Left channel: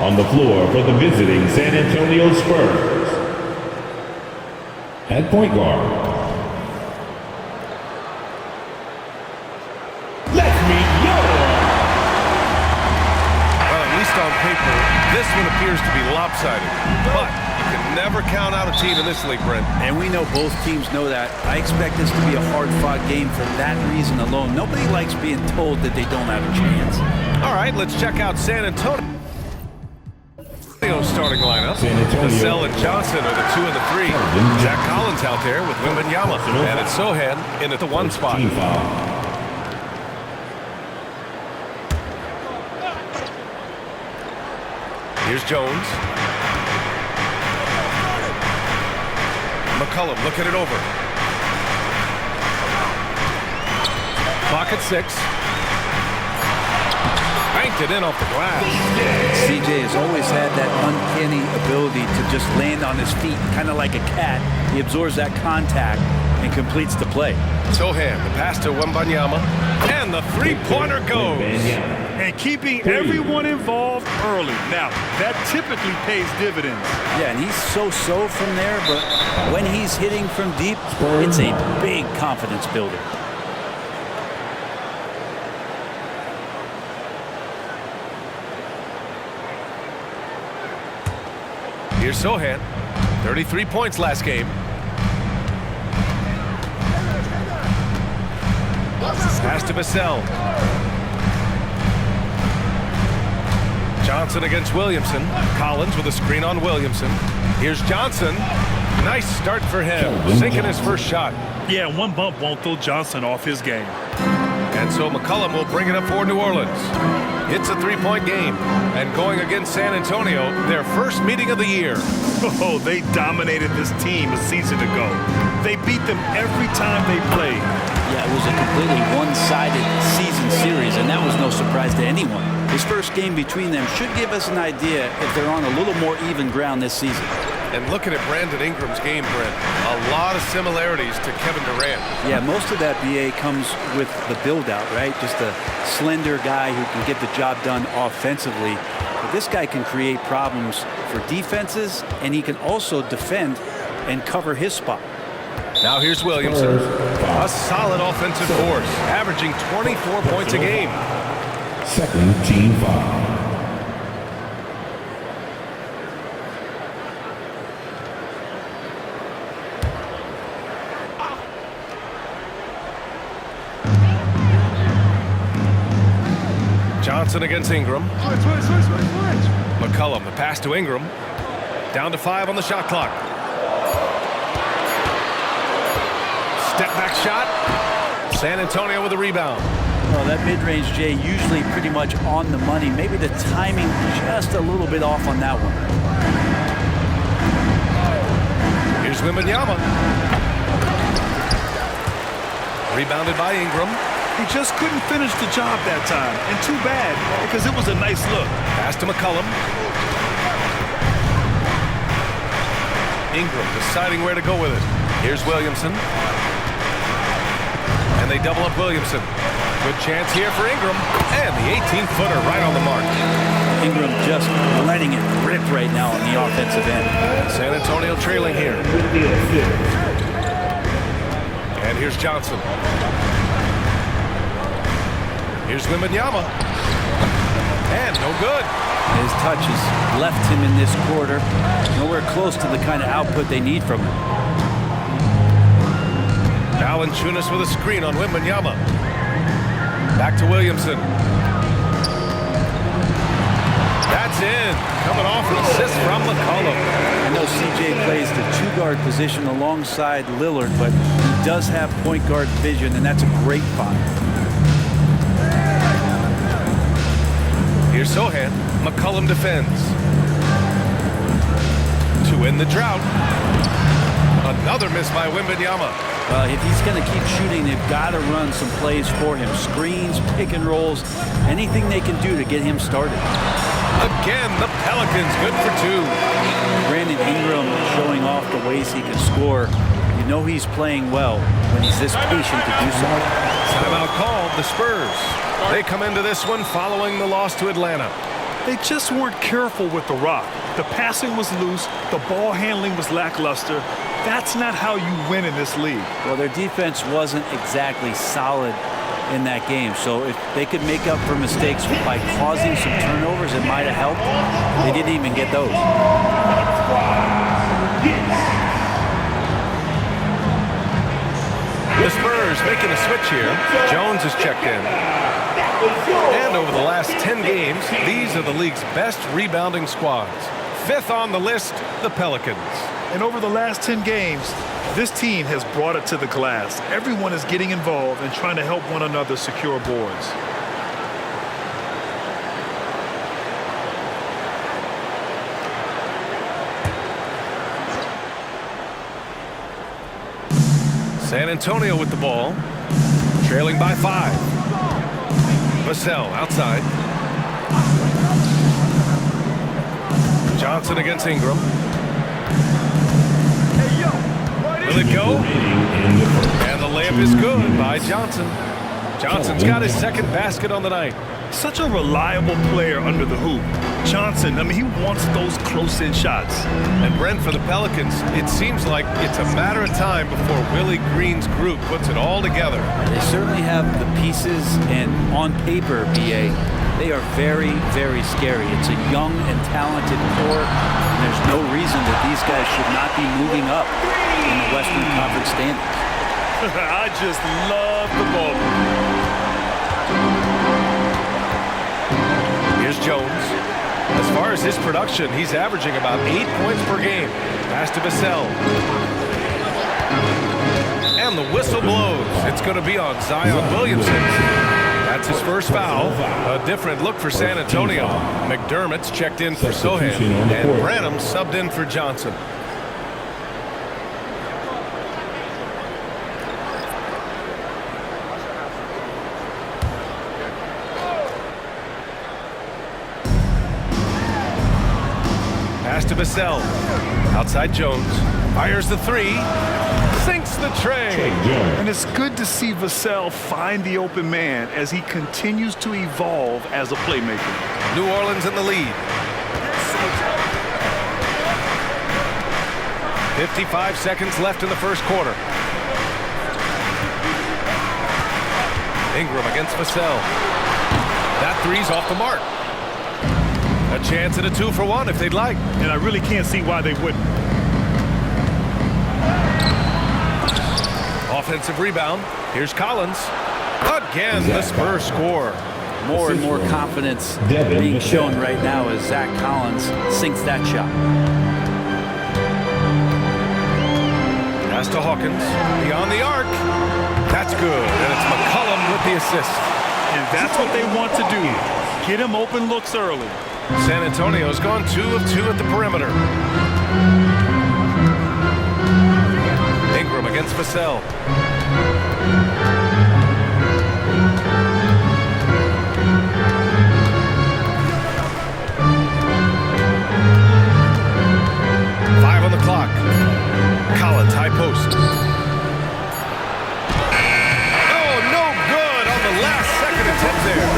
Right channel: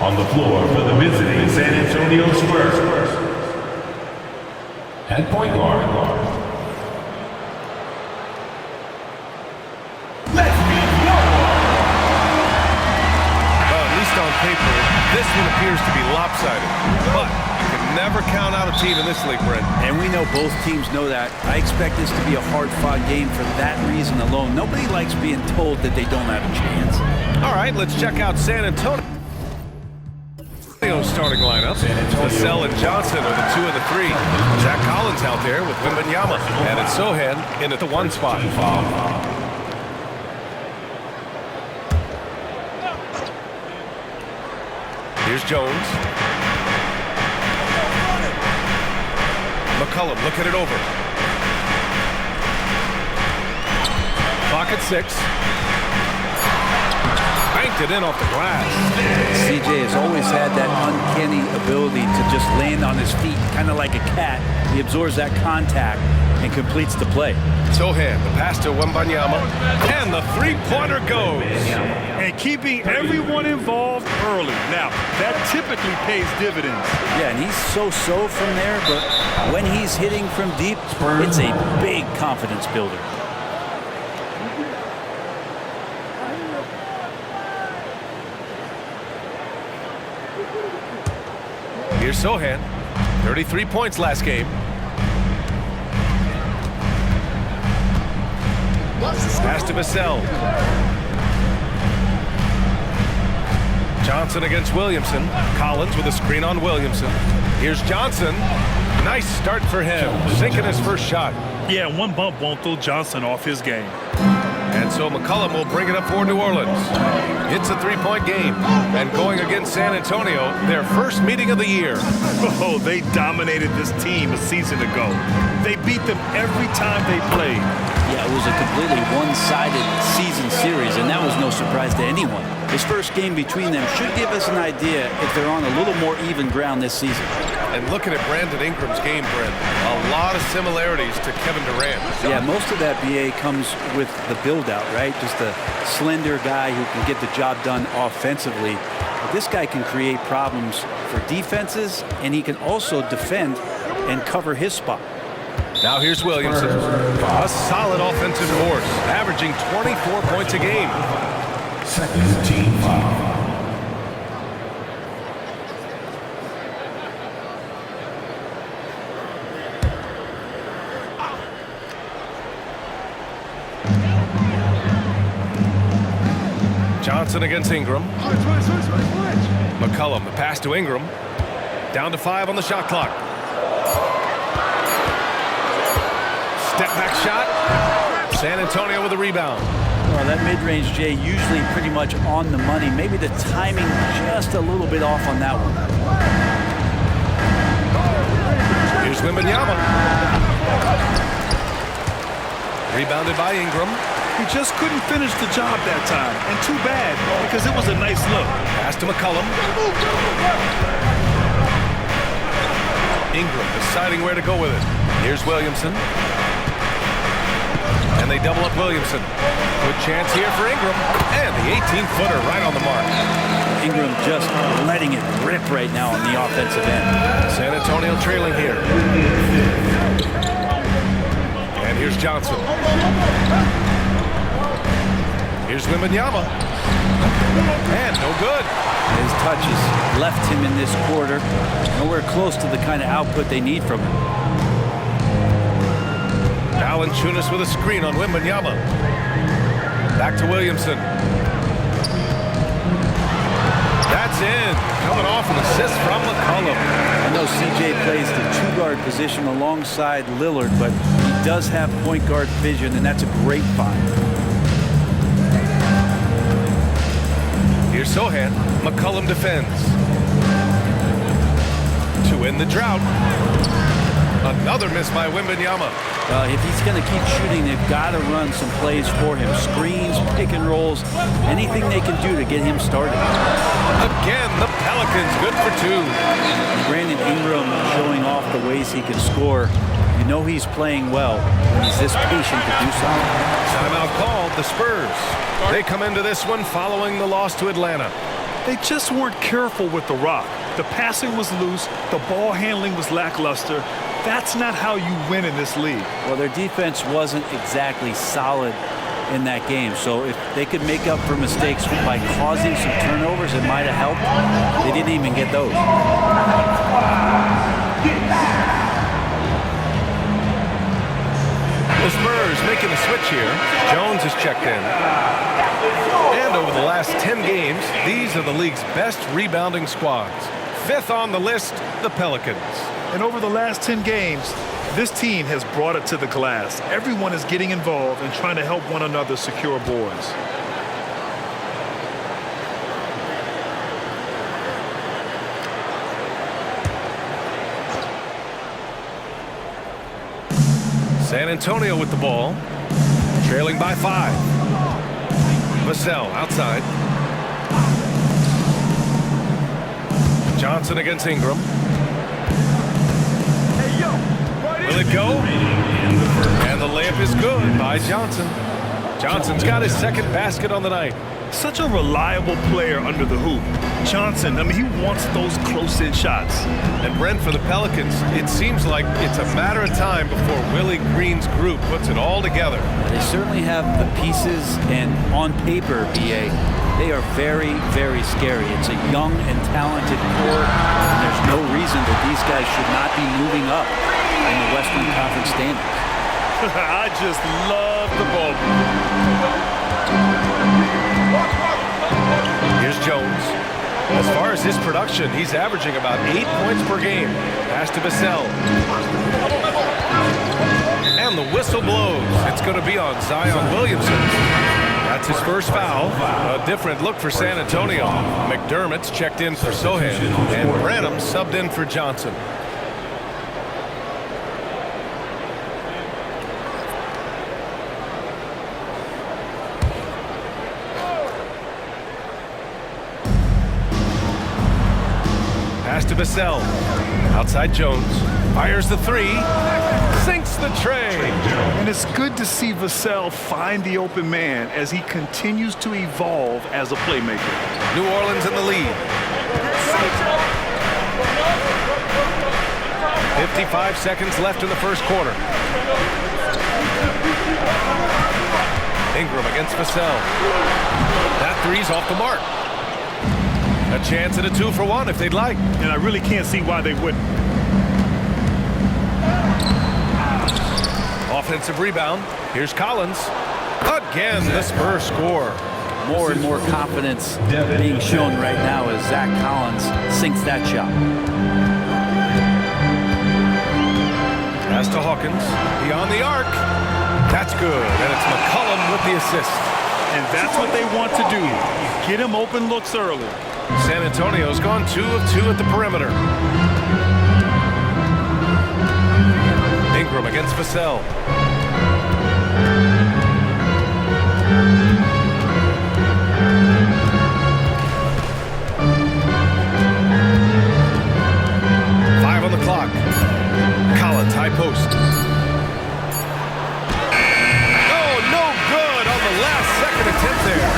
On the floor for the visiting San Antonio Spurs, at point guard, let's meet Yoda. Well, at least on paper, this one appears to be lopsided. But you can never count out a team in this league, Brent. And we know both teams know that. I expect this to be a hard-fought game for that reason alone. Nobody likes being told that they don't have a chance. All right, let's check out San Antonio. Starting lineup. Vassell and Johnson are the 2 and the 3. Zach Collins out there with Wembanyama. And it's Sohan in at the 1 spot. Here's Jones. McCollum looking it over. Clock at 6. Banked it in off the glass. CJ has always had that uncanny ability to just land on his feet, kind of like a cat. He absorbs that contact and completes the play. Sohan, the pass to Wembanyama, and the three-pointer goes. And keeping everyone involved early. Now, that typically pays dividends. Yeah, and he's so-so from there, but when he's hitting from deep, it's a big confidence builder. Here's Sohan, 33 points last game. Pass to Vassell. Johnson against Williamson. Collins with a screen on Williamson. Here's Johnson. Nice start for him, sinking his first shot. Yeah, one bump won't throw Johnson off his game. And so McCollum will bring it up for New Orleans. It's a 3-point game. And going against San Antonio, their first meeting of the year. Oh, they dominated this team a season ago. They beat them every time they played. Yeah, it was a completely one-sided season series, and that was no surprise to anyone. This first game between them should give us an idea if they're on a little more even ground this season. And looking at Brandon Ingram's game, Brent, a lot of similarities to Kevin Durant. Yeah, most of that, BA, comes with the build-out, right? Just a slender guy who can get the job done offensively. But this guy can create problems for defenses, and he can also defend and cover his spot. Now here's Williamson, a solid offensive force, averaging 24 points a game. Second team foul. Johnson against Ingram. McCollum, the pass to Ingram. Down to 5 on the shot clock. Step back shot. San Antonio with a rebound. Well, that mid-range, Jay, usually pretty much on the money. Maybe the timing just a little bit off on that one. Here's Wembanyama. Rebounded by Ingram. He just couldn't finish the job that time. And too bad, because it was a nice look. Pass to McCollum. Ingram deciding where to go with it. Here's Williamson. And they double up Williamson. Good chance here for Ingram. And the 18-footer right on the mark. Ingram just letting it rip right now on the offensive end. San Antonio trailing here. And here's Johnson. Here's Wembanyama. And no good. His touch has left him in this quarter. Nowhere close to the kind of output they need from him. Valanciunas with a screen on Wembanyama. Back to Williamson. That's in. Coming off an assist from McCollum. I know CJ plays the 2-guard position alongside Lillard, but he does have point guard vision, and that's a great find. Here's Sohan. McCollum defends. To end the drought. Another miss by Wembanyama. If he's going to keep shooting, they've got to run some plays for him. Screens, pick and rolls, anything they can do to get him started. Again, the Pelicans good for 2. Brandon Ingram showing off the ways he can score. You know he's playing well when he's this patient to do so. Timeout called, the Spurs. They come into this one following the loss to Atlanta. They just weren't careful with the rock. The passing was loose. The ball handling was lackluster. That's not how you win in this league. Well, their defense wasn't exactly solid in that game. So if they could make up for mistakes by causing some turnovers, it might have helped. They didn't even get those. The Spurs making a switch here. Jones is checked in. And over the last 10 games, these are the league's best rebounding squads. 5th on the list, the Pelicans. And over the last 10 games, this team has brought it to the glass. Everyone is getting involved and trying to help one another secure boards. San Antonio with the ball, trailing by 5. Vassell outside. Johnson against Ingram. Will it go? And the layup is good by Johnson. Johnson's got his 2nd basket on the night. Such a reliable player under the hoop. Johnson, I mean, he wants those close-in shots. And Brent, for the Pelicans, it seems like it's a matter of time before Willie Green's group puts it all together. They certainly have the pieces, and on paper, BA, they are very, very scary. It's a young and talented core, and there's no reason that these guys should not be moving up in the Western Conference standings. I just love the ball. Here's Jones. As far as his production, he's averaging about 8 points per game. Pass to Vassell. And the whistle blows. It's going to be on Zion Williamson. That's his first foul. A different look for San Antonio. McDermott's checked in for Sohan, and Branham subbed in for Johnson. Pass to Vassell. Outside Jones. Fires the 3. Sinks the tray. And it's good to see Vassell find the open man as he continues to evolve as a playmaker. New Orleans in the lead. 55 seconds left in the first quarter. Ingram against Vassell. That 3's off the mark. A chance at a 2-for-1 if they'd like. And I really can't see why they wouldn't. Offensive rebound. Here's Collins. Again, the Spurs score. More and more confidence being shown right now as Zach Collins sinks that shot. Pass to Hawkins. Beyond the arc. That's good. And it's McCollum with the assist. And that's what they want to do. Get him open looks early. San Antonio's gone 2 of 2 at the perimeter. Ingram against Vassell. Five on the clock. Collins, high post. Oh, no good on the last second attempt there.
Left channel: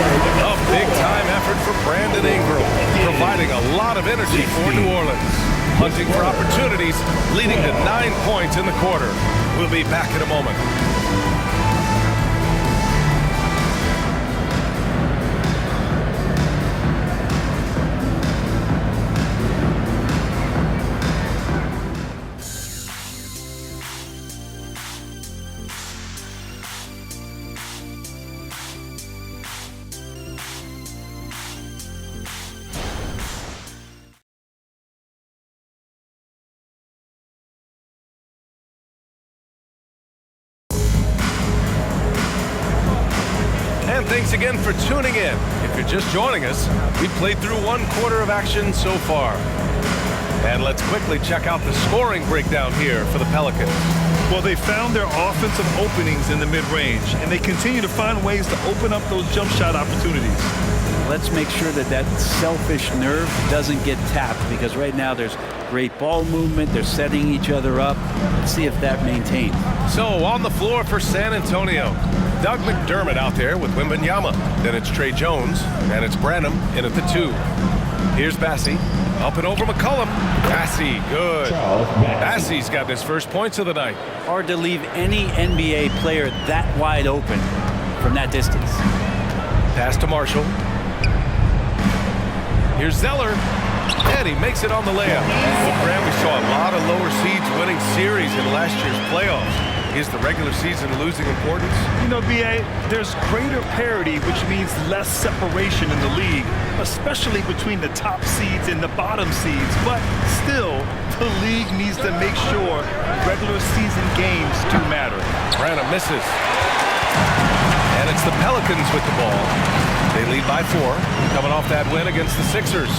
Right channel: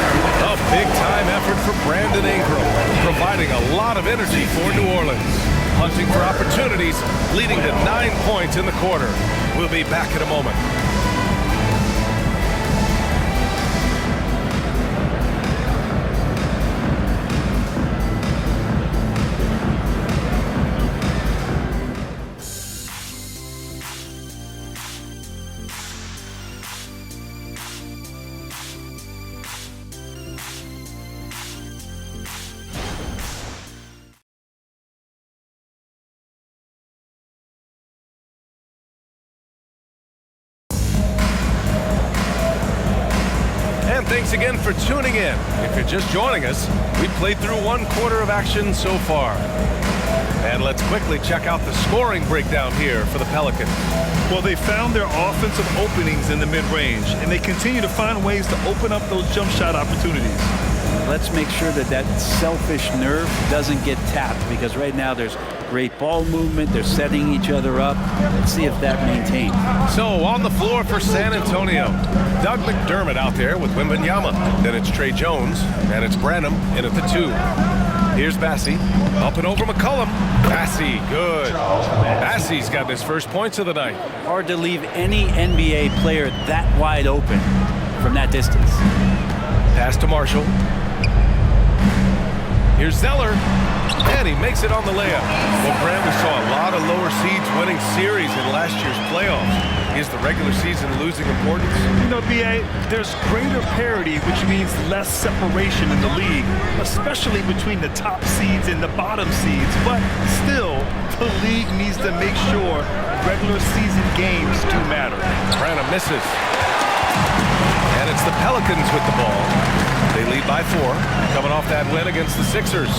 A big-time effort for Brandon Ingram, providing a lot of energy for New Orleans. Hunting for opportunities, leading to 9 points in the quarter. We'll be back in a moment. And thanks again for tuning in. If you're just joining us, we've played through 1 quarter of action so far. And let's quickly check out the scoring breakdown here for the Pelicans. Well, they found their offensive openings in the mid-range, and they continue to find ways to open up those jump shot opportunities. Let's make sure that that selfish nerve doesn't get tapped, because right now there's great ball movement. They're setting each other up. Let's see if that maintains. So on the floor for San Antonio, Doug McDermott out there with Wembanyama. Then it's Trey Jones, and it's Branham in at the 2. Here's Bassey. Up and over McCollum. Bassey, good. Bassey's got his first points of the night. Hard to leave any NBA player that wide open from that distance. Pass to Marshall. Here's Zeller. And he makes it on the layup. Well, Graham, we saw a lot of lower seeds winning series in last year's playoffs. Is the regular season losing importance? You know, B.A., there's greater parity, which means less separation in the league, especially between the top seeds and the bottom seeds. But still, the league needs to make sure regular season games do matter. Branham misses. And it's the Pelicans with the ball. They lead by 4, coming off that win against the Sixers.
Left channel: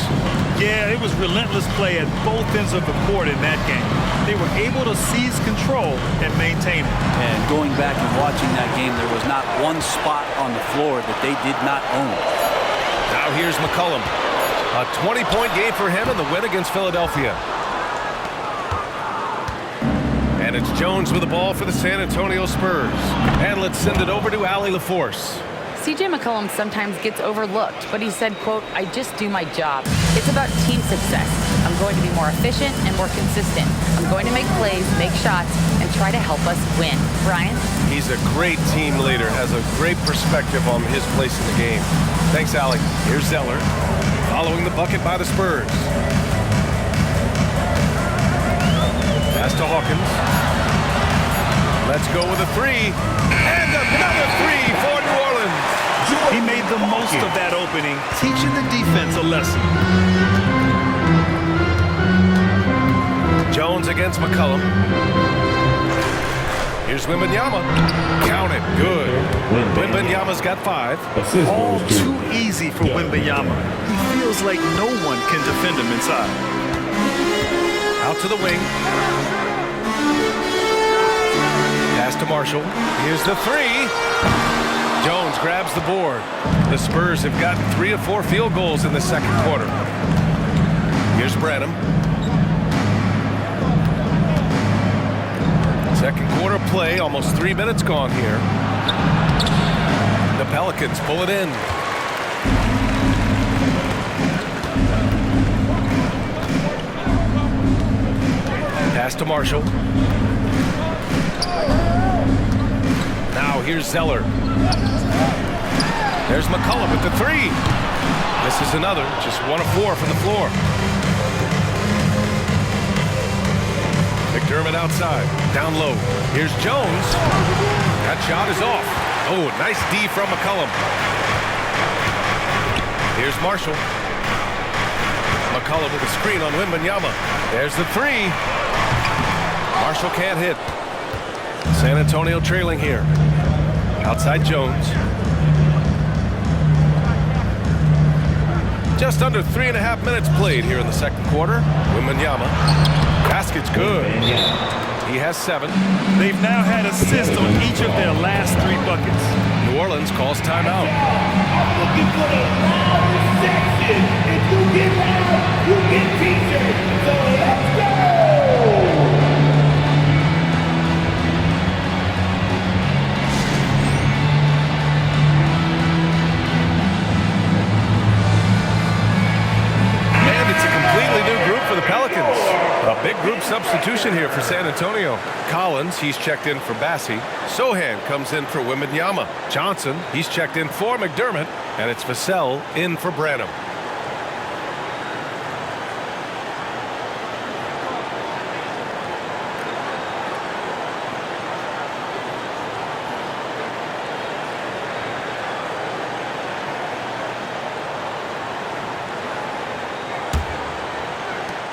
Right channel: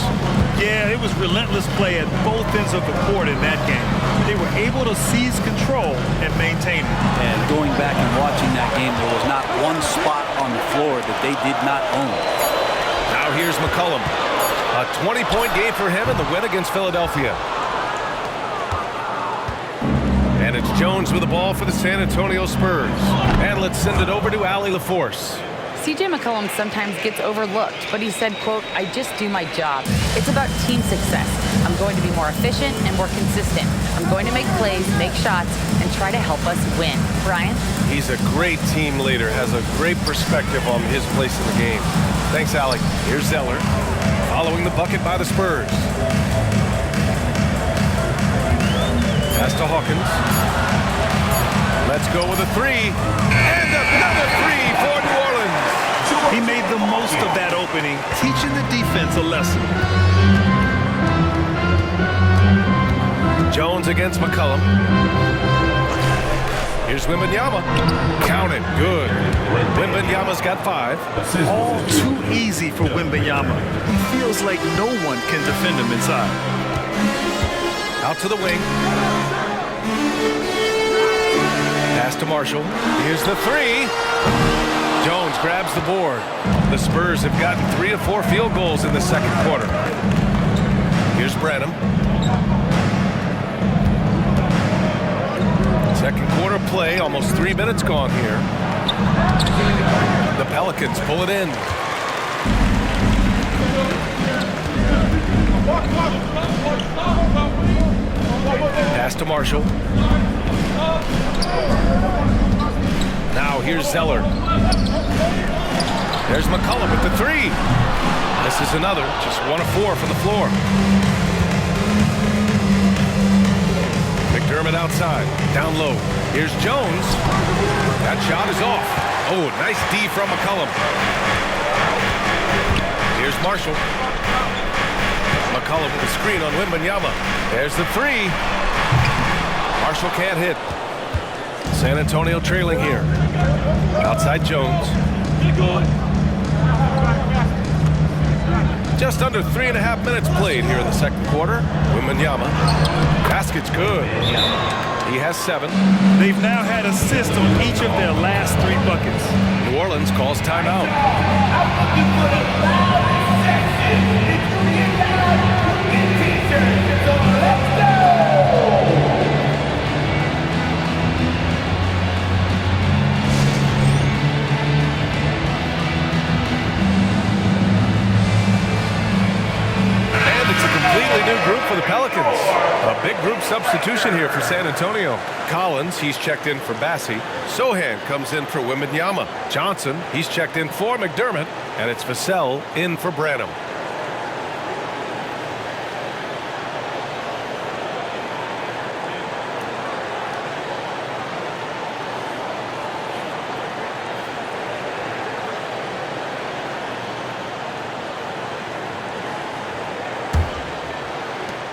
Yeah, it was relentless play at both ends of the court in that game. They were able to seize control and maintain it. And going back and watching that game, there was not one spot on the floor that they did not own. Now here's McCollum. A 20-point game for him in the win against Philadelphia. And it's Jones with the ball for the San Antonio Spurs. And let's send it over to Allie LaForce. CJ McCollum sometimes gets overlooked, but he said, quote, "I just do my job. It's about team success. I'm going to be more efficient and more consistent. I'm going to make plays, make shots, and try to help us win." Brian? He's a great team leader, has a great perspective on his place in the game. Thanks, Allie. Here's Zeller, following the bucket by the Spurs. Pass to Hawkins. Let's go with a 3. And another 3 for New Orleans. He made the most of that opening, teaching the defense a lesson. Jones against McCollum. Here's Wembanyama. Count it. Good. Wembanyama's got 5. All too easy for Wembanyama. He feels like no one can defend him inside. Out to the wing. Pass to Marshall. Here's the 3. Jones grabs the board. The Spurs have gotten 3 of 4 field goals in the second quarter. Here's Branham. Second quarter play, almost 3 minutes gone here. The Pelicans pull it in. Pass to Marshall. Now here's Zeller. There's McCollum with the 3. This is another, just 1 of 4 from the floor. McDermott outside, down low. Here's Jones. That shot is off. Oh, nice D from McCollum. Here's Marshall. McCollum with a screen on Wembanyama. There's the 3. Marshall can't hit. San Antonio trailing here. Outside Jones. Just under 3.5 minutes played here in the second quarter. Wembanyama. Basket's good. He has 7. They've now had assists on each of their last 3 buckets. New Orleans calls timeout. I'm looking for the loudest section. If you get loud, you get t-shirts. So let's go! And it's a completely new group for the Pelicans. A big group substitution here for San Antonio. Collins, he's checked in for Bassey. Sohan comes in for Wembanyama. Johnson, he's checked in for McDermott. And it's Vassell in for Branham.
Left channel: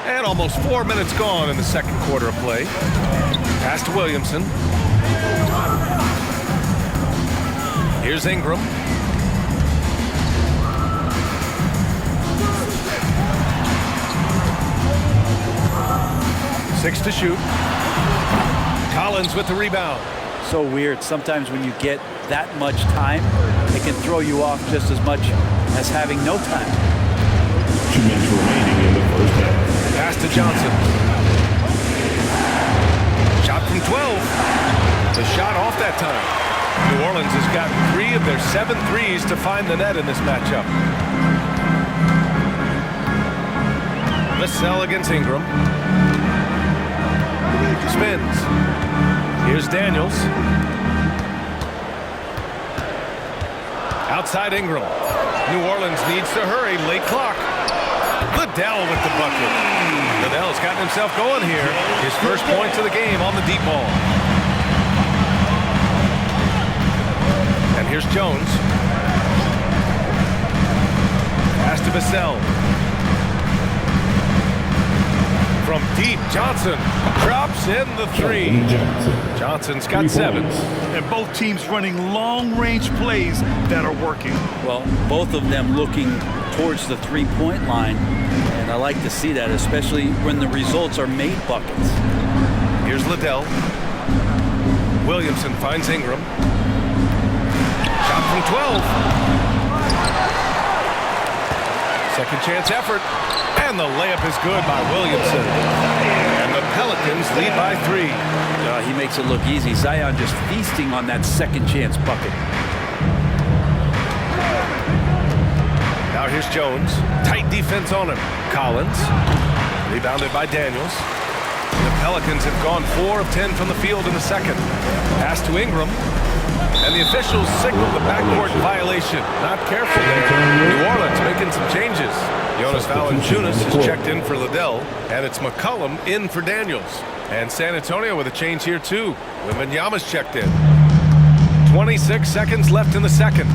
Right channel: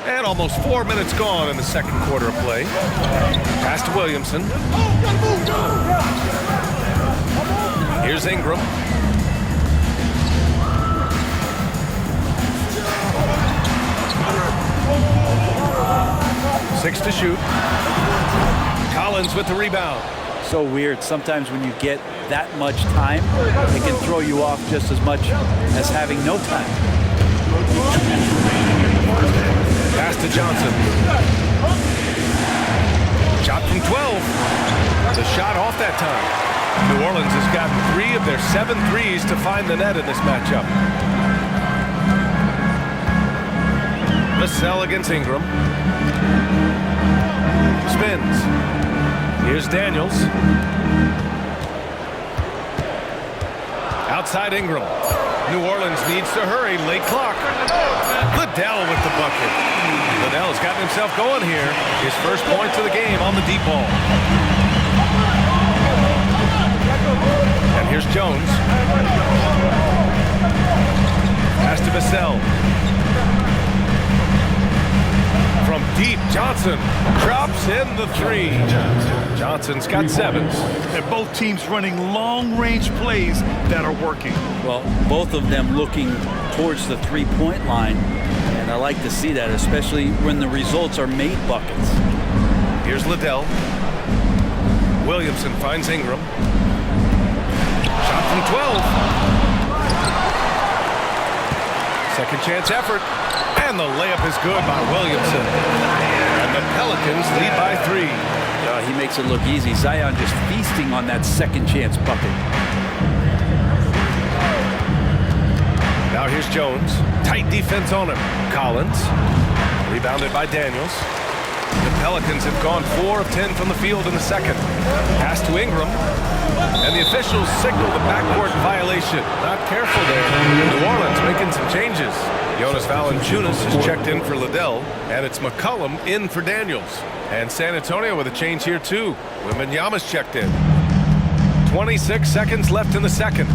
And almost 4 minutes gone in the second quarter of play. Pass to Williamson. Here's Ingram. Six to shoot. Collins with the rebound. So weird. Sometimes when you get that much time, it can throw you off just as much as having no time. 2 minutes remaining in the first half. Pass to Johnson. Shot from 12. The shot off that time. New Orleans has gotten 3 of their 7 threes to find the net in this matchup. Vassell against Ingram. Spins. Here's Daniels. Outside Ingram. New Orleans needs to hurry. Late clock. Liddell with the bucket. Liddell's gotten himself going here. His first points of the game on the deep ball. And here's Jones. Pass to Vassell. From deep, Johnson drops in the three. Johnson's got 7. And both teams running long-range plays that are working. Well, both of them looking towards the three-point line, and I like to see that, especially when the results are made buckets. Here's Liddell. Williamson finds Ingram. Shot from 12. Second chance effort. And the layup is good by Williamson. And the Pelicans lead by 3. He makes it look easy. Zion just feasting on that second chance bucket. Now here's Jones. Tight defense on him. Collins. Rebounded by Daniels. The Pelicans have gone 4 of 10 from the field in the second. Pass to Ingram. And the officials signal the backcourt violation. Not careful there. New Orleans making some changes. Jonas Valanciunas has checked in for Liddell. And it's McCollum in for Daniels. And San Antonio with a change here too. Wembanyama's checked in. 26 seconds left in the second.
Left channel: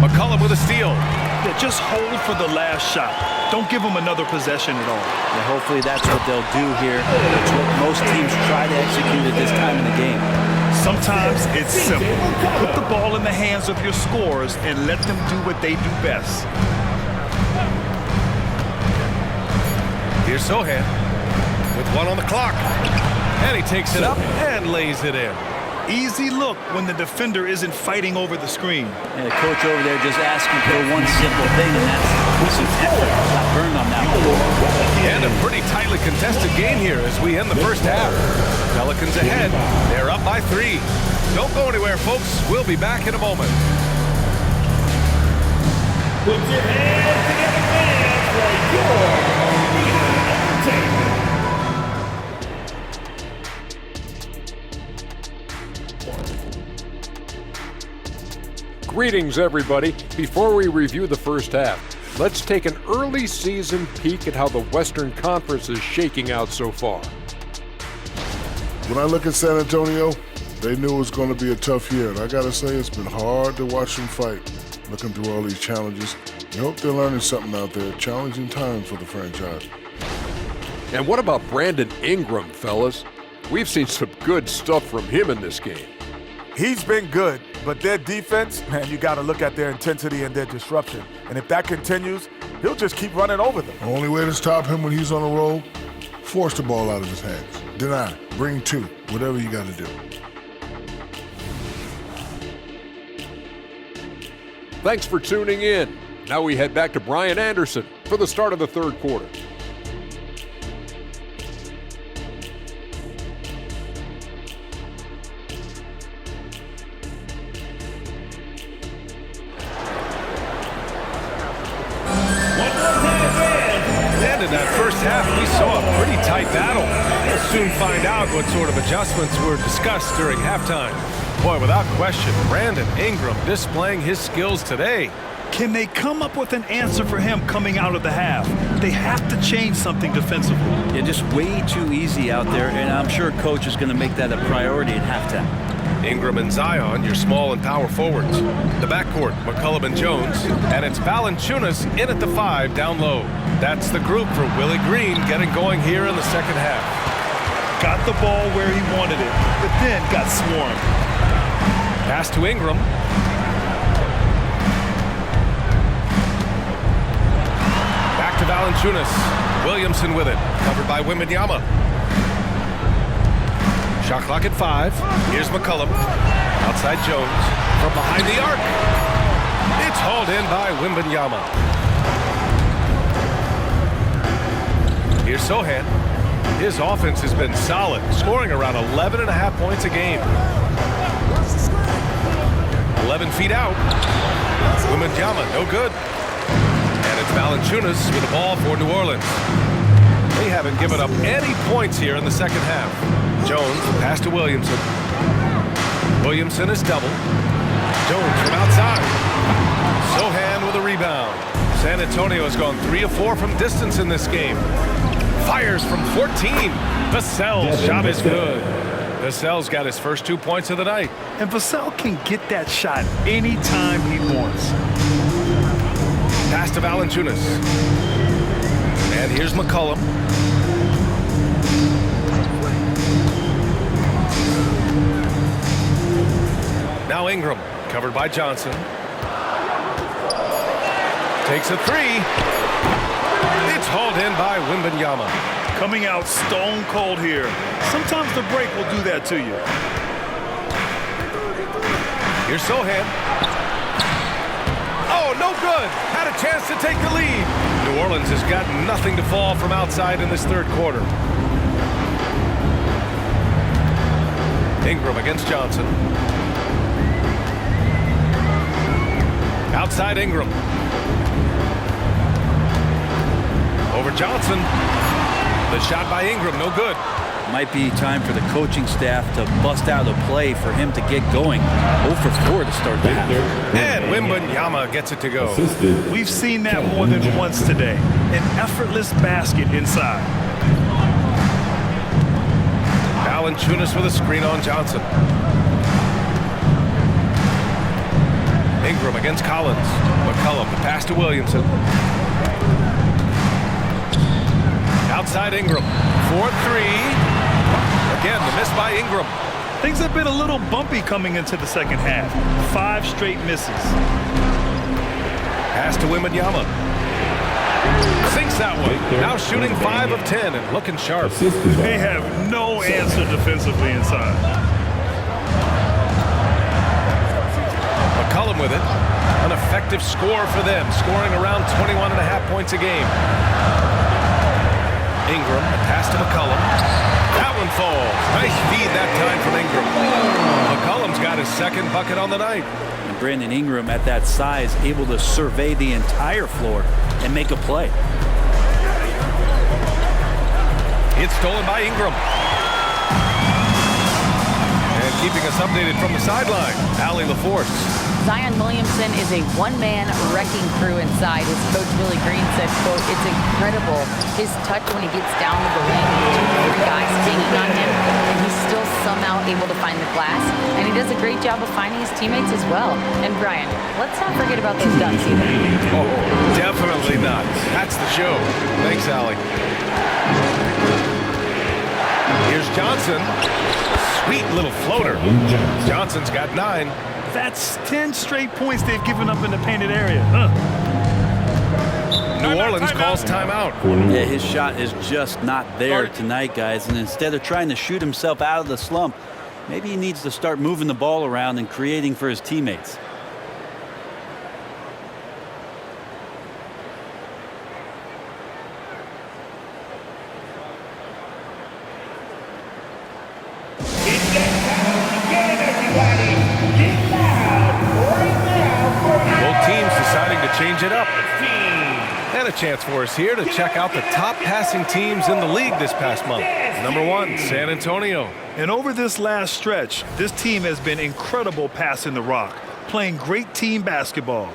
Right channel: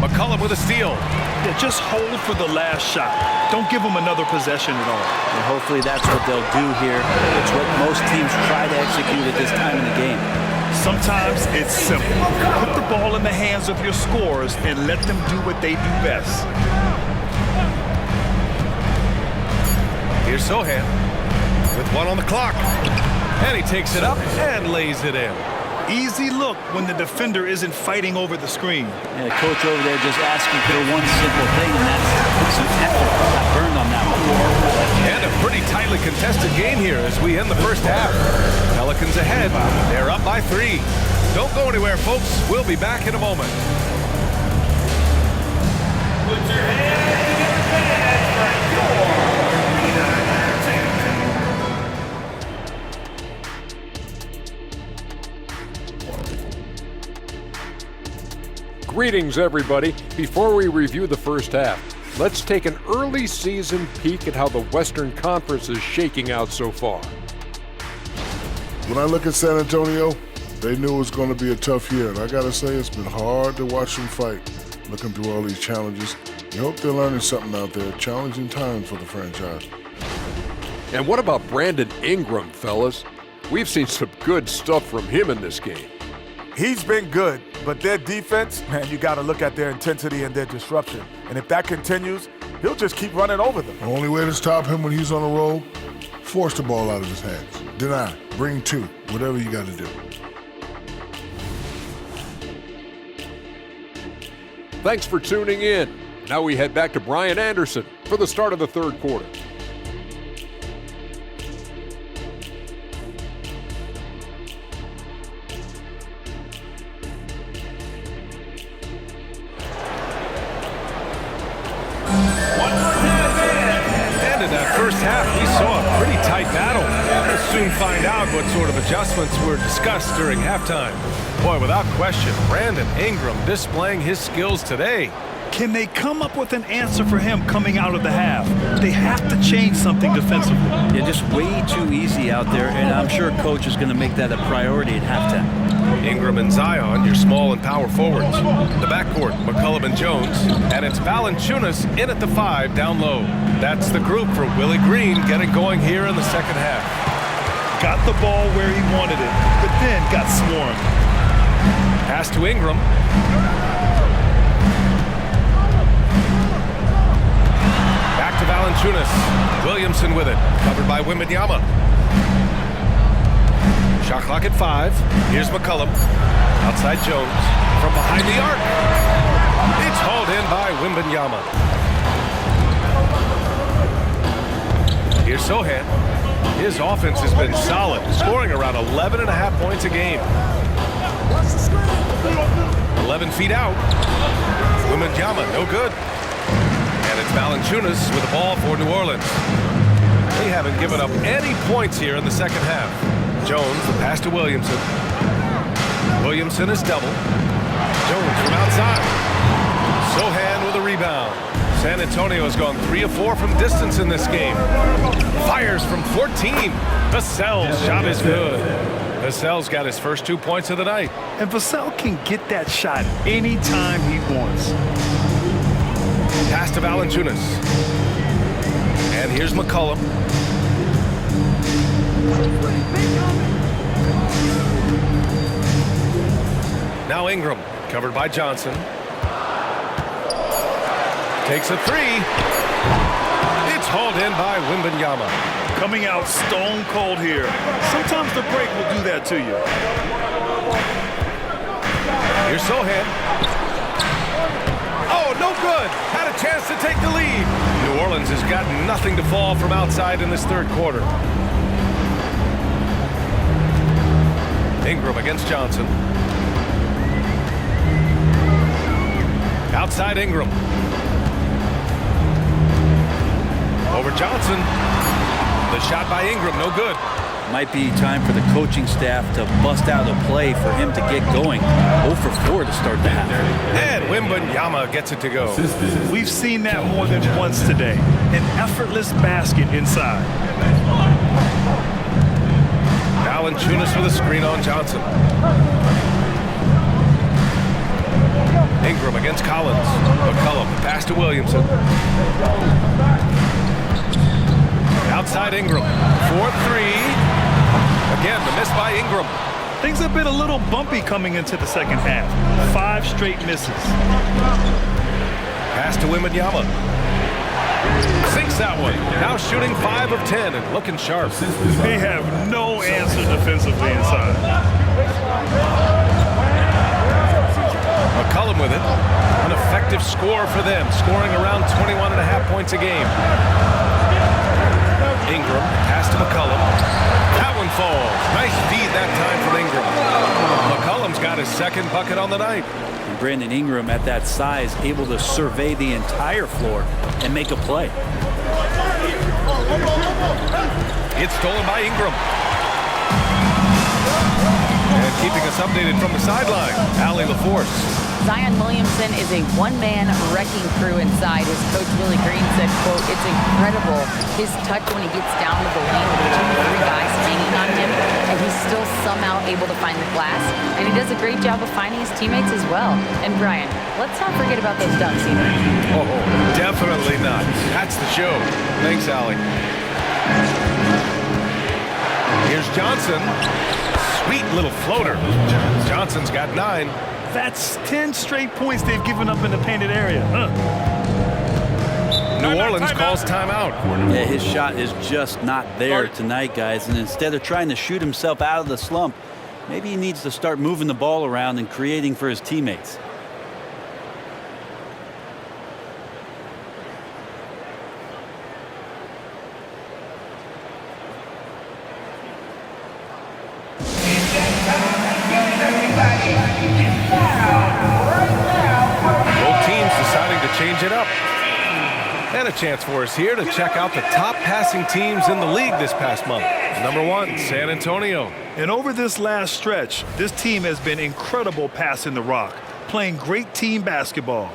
McCollum with a steal. Yeah, just hold for the last shot. Don't give them another possession at all. And hopefully that's what they'll do here. It's what most teams try to execute at this time in the game. Sometimes it's simple. Put the ball in the hands of your scorers and let them do what they do best. Here's Sohan with 1 on the clock. And he takes it up and lays it in. Easy look when the defender isn't fighting over the screen. And the coach over there just asking for one simple thing, and that's some effort. Got burned on that one. And a pretty tightly contested game here as we end the first half. Pelicans ahead. They're up by 3. Don't go anywhere, folks. We'll be back in a moment. Put your hands together, fans, for your arena entertainment. Greetings, everybody. Before we review the first half, let's take an early season peek at how the Western Conference is shaking out so far. When I look at San Antonio, they knew it was going to be a tough year, and I got to say it's been hard to watch them fight, looking through all these challenges. I hope they're learning something out there. Challenging times for the franchise. And what about Brandon Ingram, fellas? We've seen some good stuff from him in this game. He's been good, but their defense, man, you got to look at their intensity and their disruption. And if that continues, he'll just keep running over them. The only way to stop him when he's on a roll, force the ball out of his hands. Deny, bring 2, whatever you got to do. Thanks for tuning in. Now we head back to Brian Anderson for the start of the third quarter. And in that first half, we saw a pretty tight battle. We'll soon find out what sort of adjustments were discussed during halftime. Boy, without question, Brandon Ingram displaying his skills today. Can they come up with an answer for him coming out of the half? They have to change something defensively. Yeah, just way too easy out there, and I'm sure coach is going to make that a priority at halftime. Ingram and Zion, your small and power forwards. The backcourt, McCollum and Jones. And it's Valanciunas in at the 5 down low. That's the group for Willie Green getting going here in the second half. Got the ball where he wanted it, but then got swarmed. Pass to Ingram. Back to Valanciunas. Williamson with it. Covered by Wembanyama. Shot clock at 5. Here's McCollum. Outside Jones. From behind the arc. It's hauled in by Wembanyama. Here's Sohan. His offense has been solid, scoring around 11.5 points a game. 11 feet out. Wembanyama, no good. And it's Valanciunas with the ball for New Orleans. They haven't given up any points here in the second half. Jones, the pass to Williamson. Williamson is double. Jones from outside. Sohan with a rebound. San Antonio has gone 3 of 4 from distance in this game. Fires from 14. Vassell's shot is good. Vassell's got his first 2 points of the night. And Vassell can get that shot anytime he wants. Pass to Valanciunas. And here's McCollum. Now Ingram, covered by Johnson. Takes a 3. It's hauled in by Wembanyama. Coming out stone cold here. Sometimes the break will do that to you. Here's Sohan. Oh, no good. Had a chance to take the lead. New Orleans has got nothing to fall from outside in this third quarter. Ingram against Johnson. Outside Ingram. Over Johnson. The shot by Ingram, no good. Might be time for the coaching staff to bust out a play for him to get going. 0 for 4 to start the half. And Wembanyama gets it to go. We've seen that more than once today. An effortless basket inside. Valanciunas with a screen on Johnson. Ingram against Collins. McCollum, the pass to Williamson. Outside Ingram. 4-3. Again, the miss by Ingram. Things have been a little bumpy coming into the second half. 5 straight misses. Pass to Wembanyama. Sinks that one. Now shooting 5 of 10 and looking sharp. They have no answer defensively inside. McCollum with it. An effective score for them, scoring around 21.5 points a game. Ingram, pass to McCollum. That one falls. Nice feed that time from Ingram. McCollum's got his second bucket on the night. And Brandon Ingram at that size able to survey the entire floor and make a play. It's stolen by Ingram. And keeping us updated from the sideline, Allie LaForce. Zion Williamson is a one-man wrecking crew inside. His coach, Willie Green, said, quote, "It's incredible his touch when he gets down to the lane with 2 or 3 guys hanging on him, and he's still somehow able to find the glass. And he does a great job of finding his teammates as well." And Brian, let's not forget about those dunks either. Oh, definitely not. That's the show. Thanks, Allie. Here's Johnson. Sweet little floater. Johnson's got 9. That's 10 straight points they've given up in the painted area. New Orleans calls timeout. Yeah, his shot is just not there tonight, guys. And instead of trying to shoot himself out of the slump, maybe he needs to start moving the ball around and creating for his teammates. Both teams deciding to change it up. And a chance for us here to check out the top passing teams in the league this past month. Number 1, San Antonio. And over this last stretch, this team has been incredible passing the rock, playing great team basketball.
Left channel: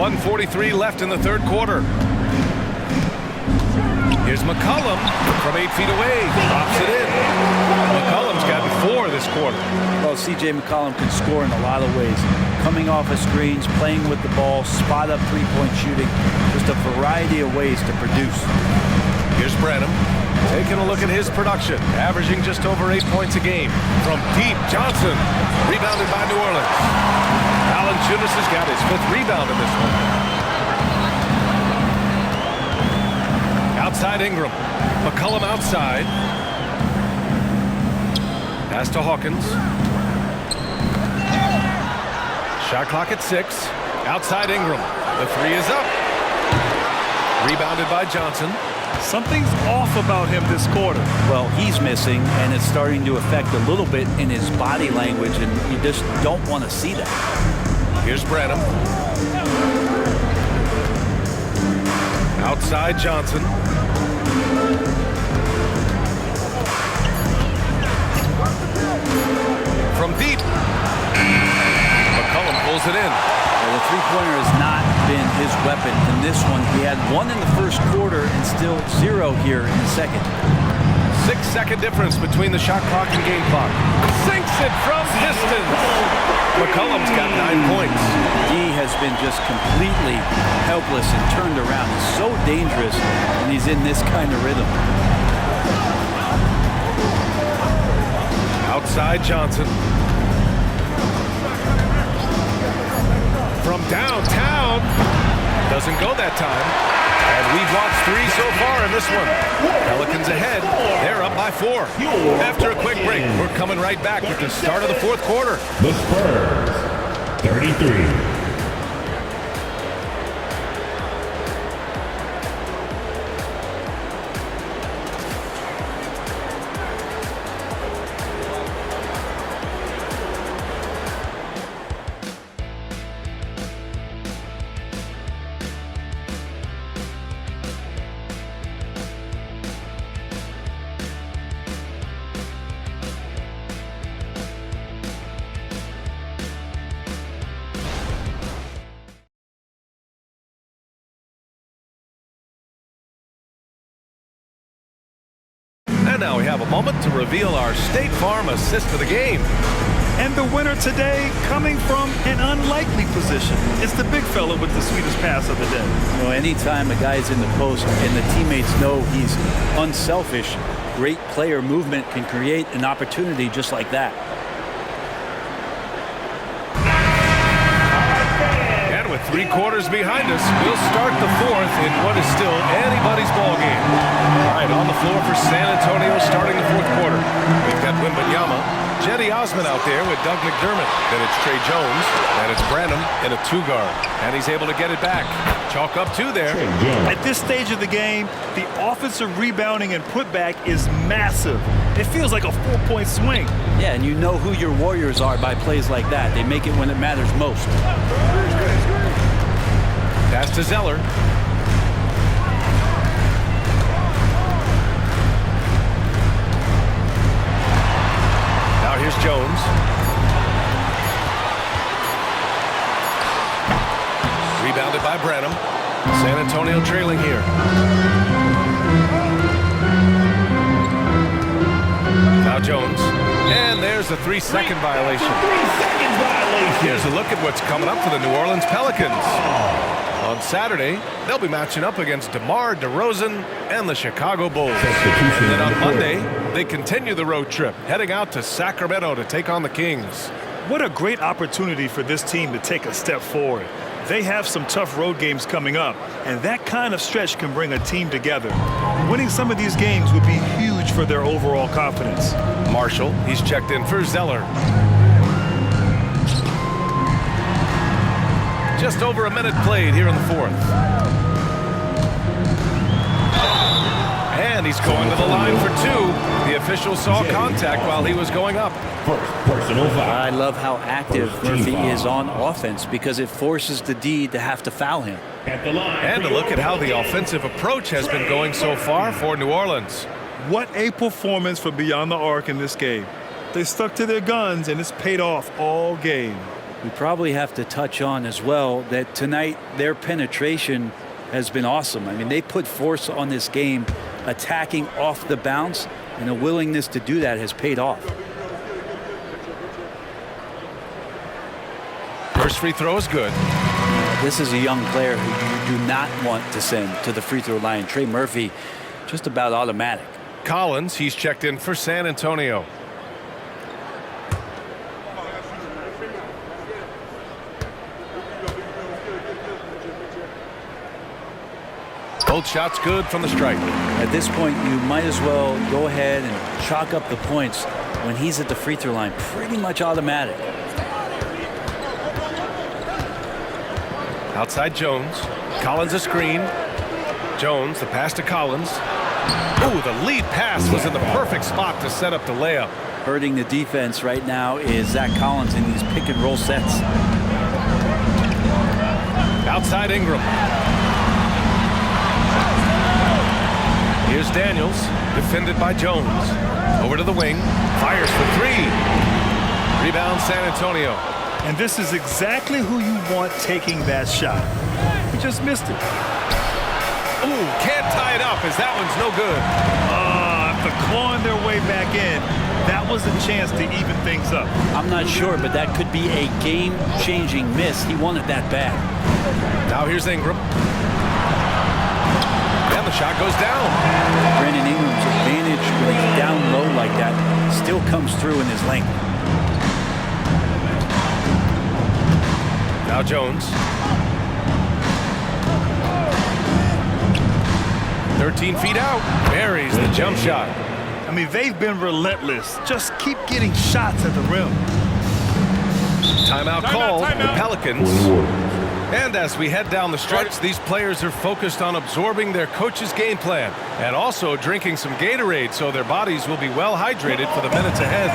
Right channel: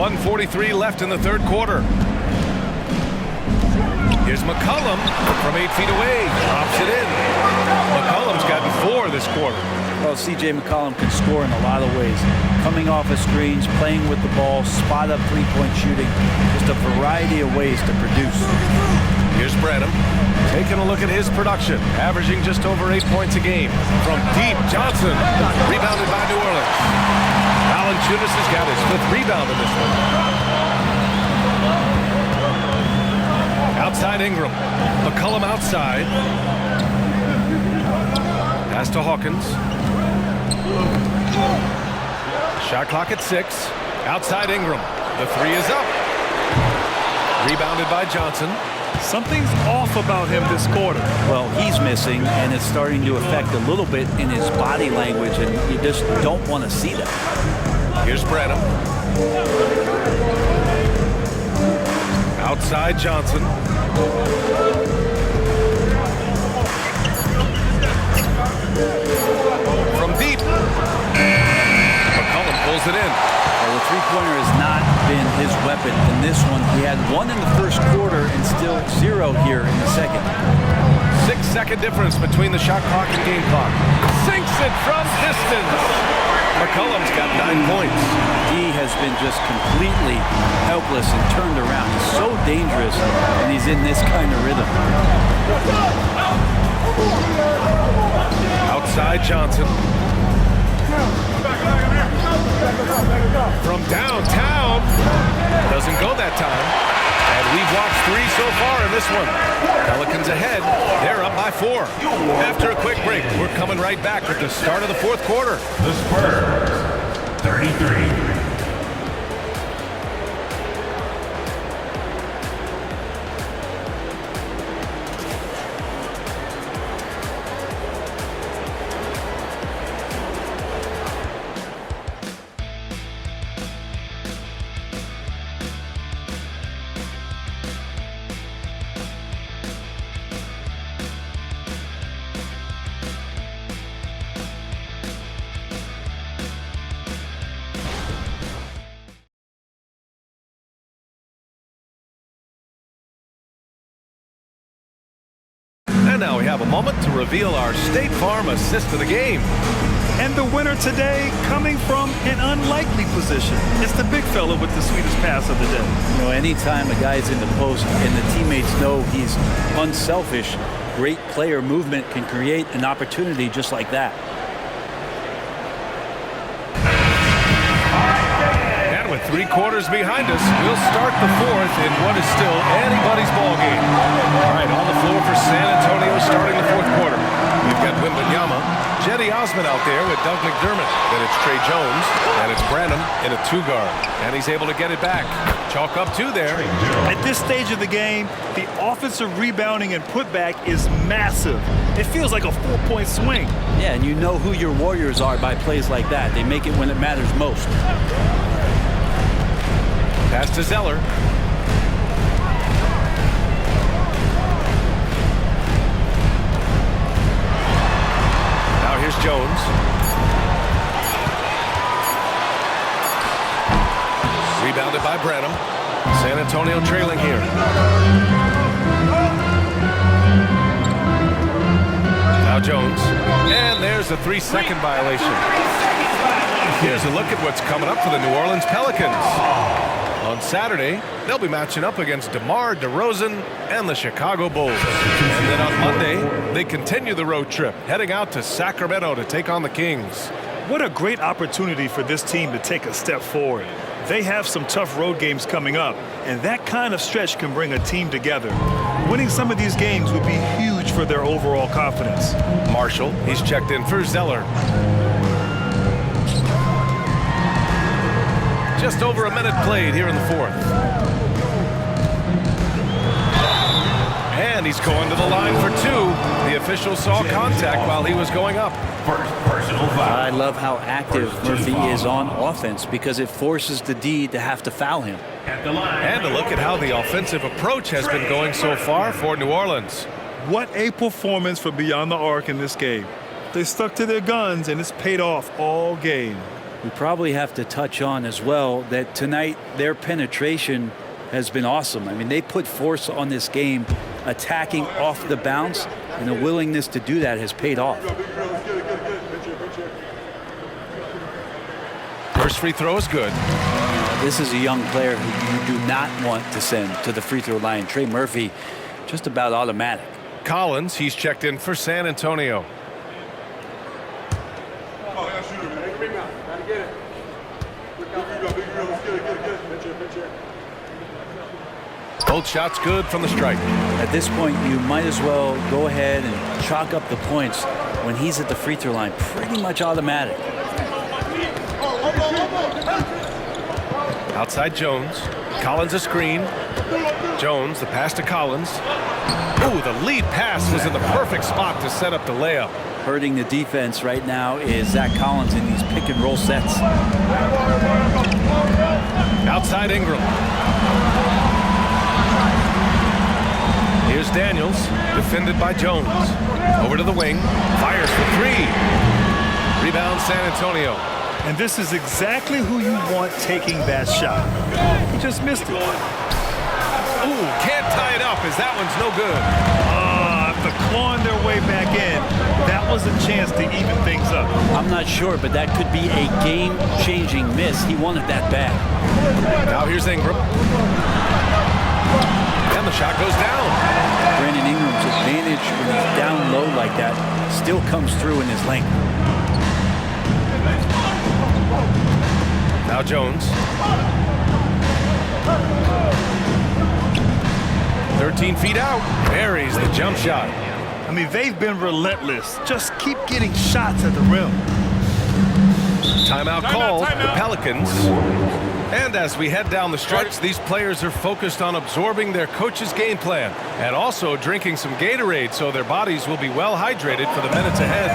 .143 left in the third quarter. Here's McCollum from 8 feet away. Drops it in. McCollum's gotten 4 this quarter. Well, C.J. McCollum can score in a lot of ways. Coming off of screens, playing with the ball, spot-up three-point shooting. Just a variety of ways to produce. Here's Branham. Taking a look at his production. Averaging just over 8 points a game. From deep, Johnson. Rebounded by New Orleans. Valanciunas has got his 5th rebound in this one. Outside Ingram. McCollum outside. Pass to Hawkins. Shot clock at 6. Outside Ingram. The three is up. Rebounded by Johnson. Something's off about him this quarter. Well, he's missing, and it's starting to affect a little bit in his body language, and you just don't want to see that. Here's Branham. Outside Johnson. From deep. McCollum pulls it in. The three-pointer has not been his weapon in this one. He had one in the first quarter and still 0 here in the second. 6-second difference between the shot clock and game clock. Sinks it from distance. McCollum's got 9 points. D has been just completely helpless and turned around. He's so dangerous when he's in this kind of rhythm. Outside Johnson. From downtown. Doesn't go that time. And we've watched 3 so far in this one. Pelicans ahead. They're up by 4. After a quick break, we're coming right back with the start of the fourth quarter. The Spurs, 33. And now we have a moment to reveal our State Farm assist of the game. And the winner today coming from an unlikely position. It's the big fella with the sweetest pass of the day. You know, anytime a guy's in the post and the teammates know he's unselfish, great player movement can create an opportunity just like that. And with 3 quarters behind us, we'll start the fourth in what is still anybody's ball game. All right, on the floor for San Antonio starting the fourth quarter. We've got Wembanyama, Jetty Osman out there with Doug McDermott. Then it's Trey Jones, and it's Branham in a 2-guard. And he's able to get it back. Chalk up 2 there. At this stage of the game, the offensive rebounding and putback is massive. It feels like a 4-point swing. Yeah, and you know who your Warriors are by plays like that. They make it when it matters most. Pass to Zeller. Now here's Jones. Rebounded by Branham. San Antonio trailing here. Now Jones. And there's a 3-second violation. Here's a look at what's coming up for the New Orleans Pelicans. On Saturday, they'll be matching up against DeMar DeRozan and the Chicago Bulls. And then on Monday, they continue the road trip, heading out to Sacramento to take on the Kings. What a great opportunity for this team to take a step forward. They have some tough road games coming up, and that kind of stretch can bring a team together. Winning some of these games would be huge for their overall confidence. Marshall, he's checked in for Zeller. Just over a minute played here in the fourth. And he's going to the line for 2. The official saw contact while he was going up. First personal foul. I love how active Murphy is on offense because it forces the D to have to foul him. At the line. And to look at how the offensive approach has been going so far for New Orleans. What a performance from beyond the arc in this game. They stuck to their guns, and it's paid off all game. We probably have to touch on as well that tonight their penetration has been awesome. I mean, they put force on this game, attacking off the bounce, and the willingness to do that has paid off. First free throw is good. This is a young player who you do not want to send to the free throw line. Trey Murphy, just about automatic. Collins, he's checked in for San Antonio. Both shots good from the stripe. At this point, you might as well go ahead and chalk up the points when he's at the free throw line. Pretty much automatic. Outside Jones. Collins a screen. Jones, the pass to Collins. Ooh, the lead pass was in the perfect spot to set up the layup. Hurting the defense right now is Zach Collins in these pick and roll sets. Outside Ingram. Here's Daniels, defended by Jones. Over to the wing, fires for three. Rebound San Antonio. And this is exactly who you want taking that shot. He just missed it. Ooh, can't tie it up as that one's no good. After clawing their way back in, that was a chance to even things up. I'm not sure, but that could be a game-changing miss. He wanted that bad. Now here's Ingram. And the shot goes down. Brandon Ingram's advantage when he's down low like that still comes through in his length. Now Jones. 13 feet out. Buries the jump shot. I mean, they've been relentless. Just keep getting shots at the rim. Timeout called. The Pelicans. And as we head down the stretch, these players are focused on absorbing their coach's game plan and also drinking some Gatorade so their bodies will be well hydrated for the minutes ahead.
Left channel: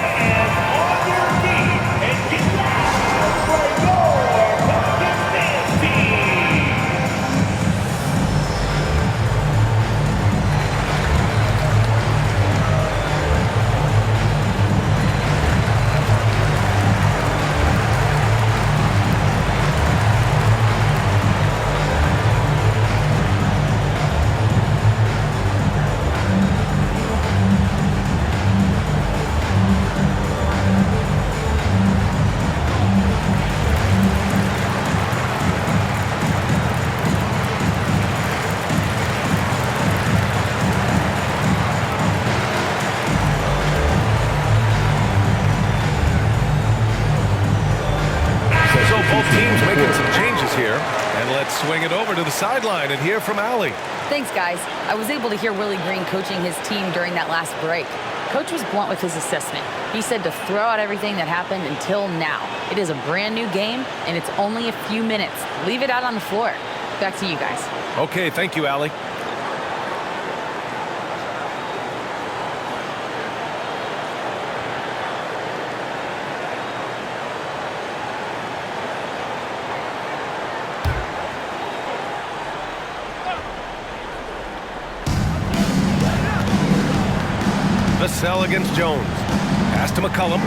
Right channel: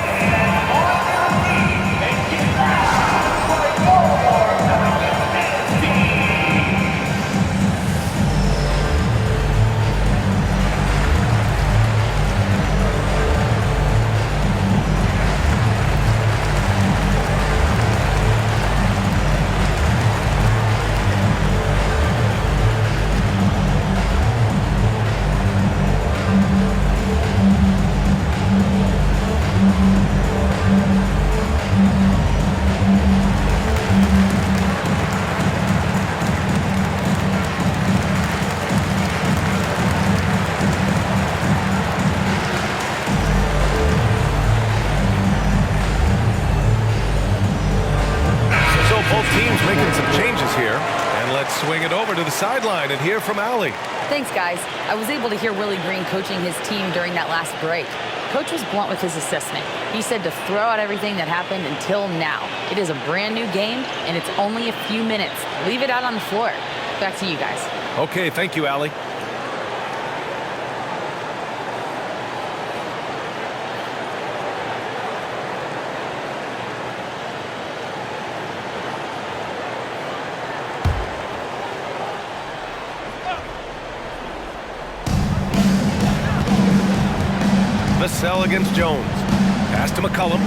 Both teams making some changes here. And let's swing it over to the sideline and hear from Allie. Thanks, guys. I was able to hear Willie Green coaching his team during that last break. Coach was blunt with his assessment. He said to throw out everything that happened until now. It is a brand new game, and it's only a few minutes. Leave it out on the floor. Back to you guys. Okay, thank you, Allie. Vassell against Jones. Pass to McCollum.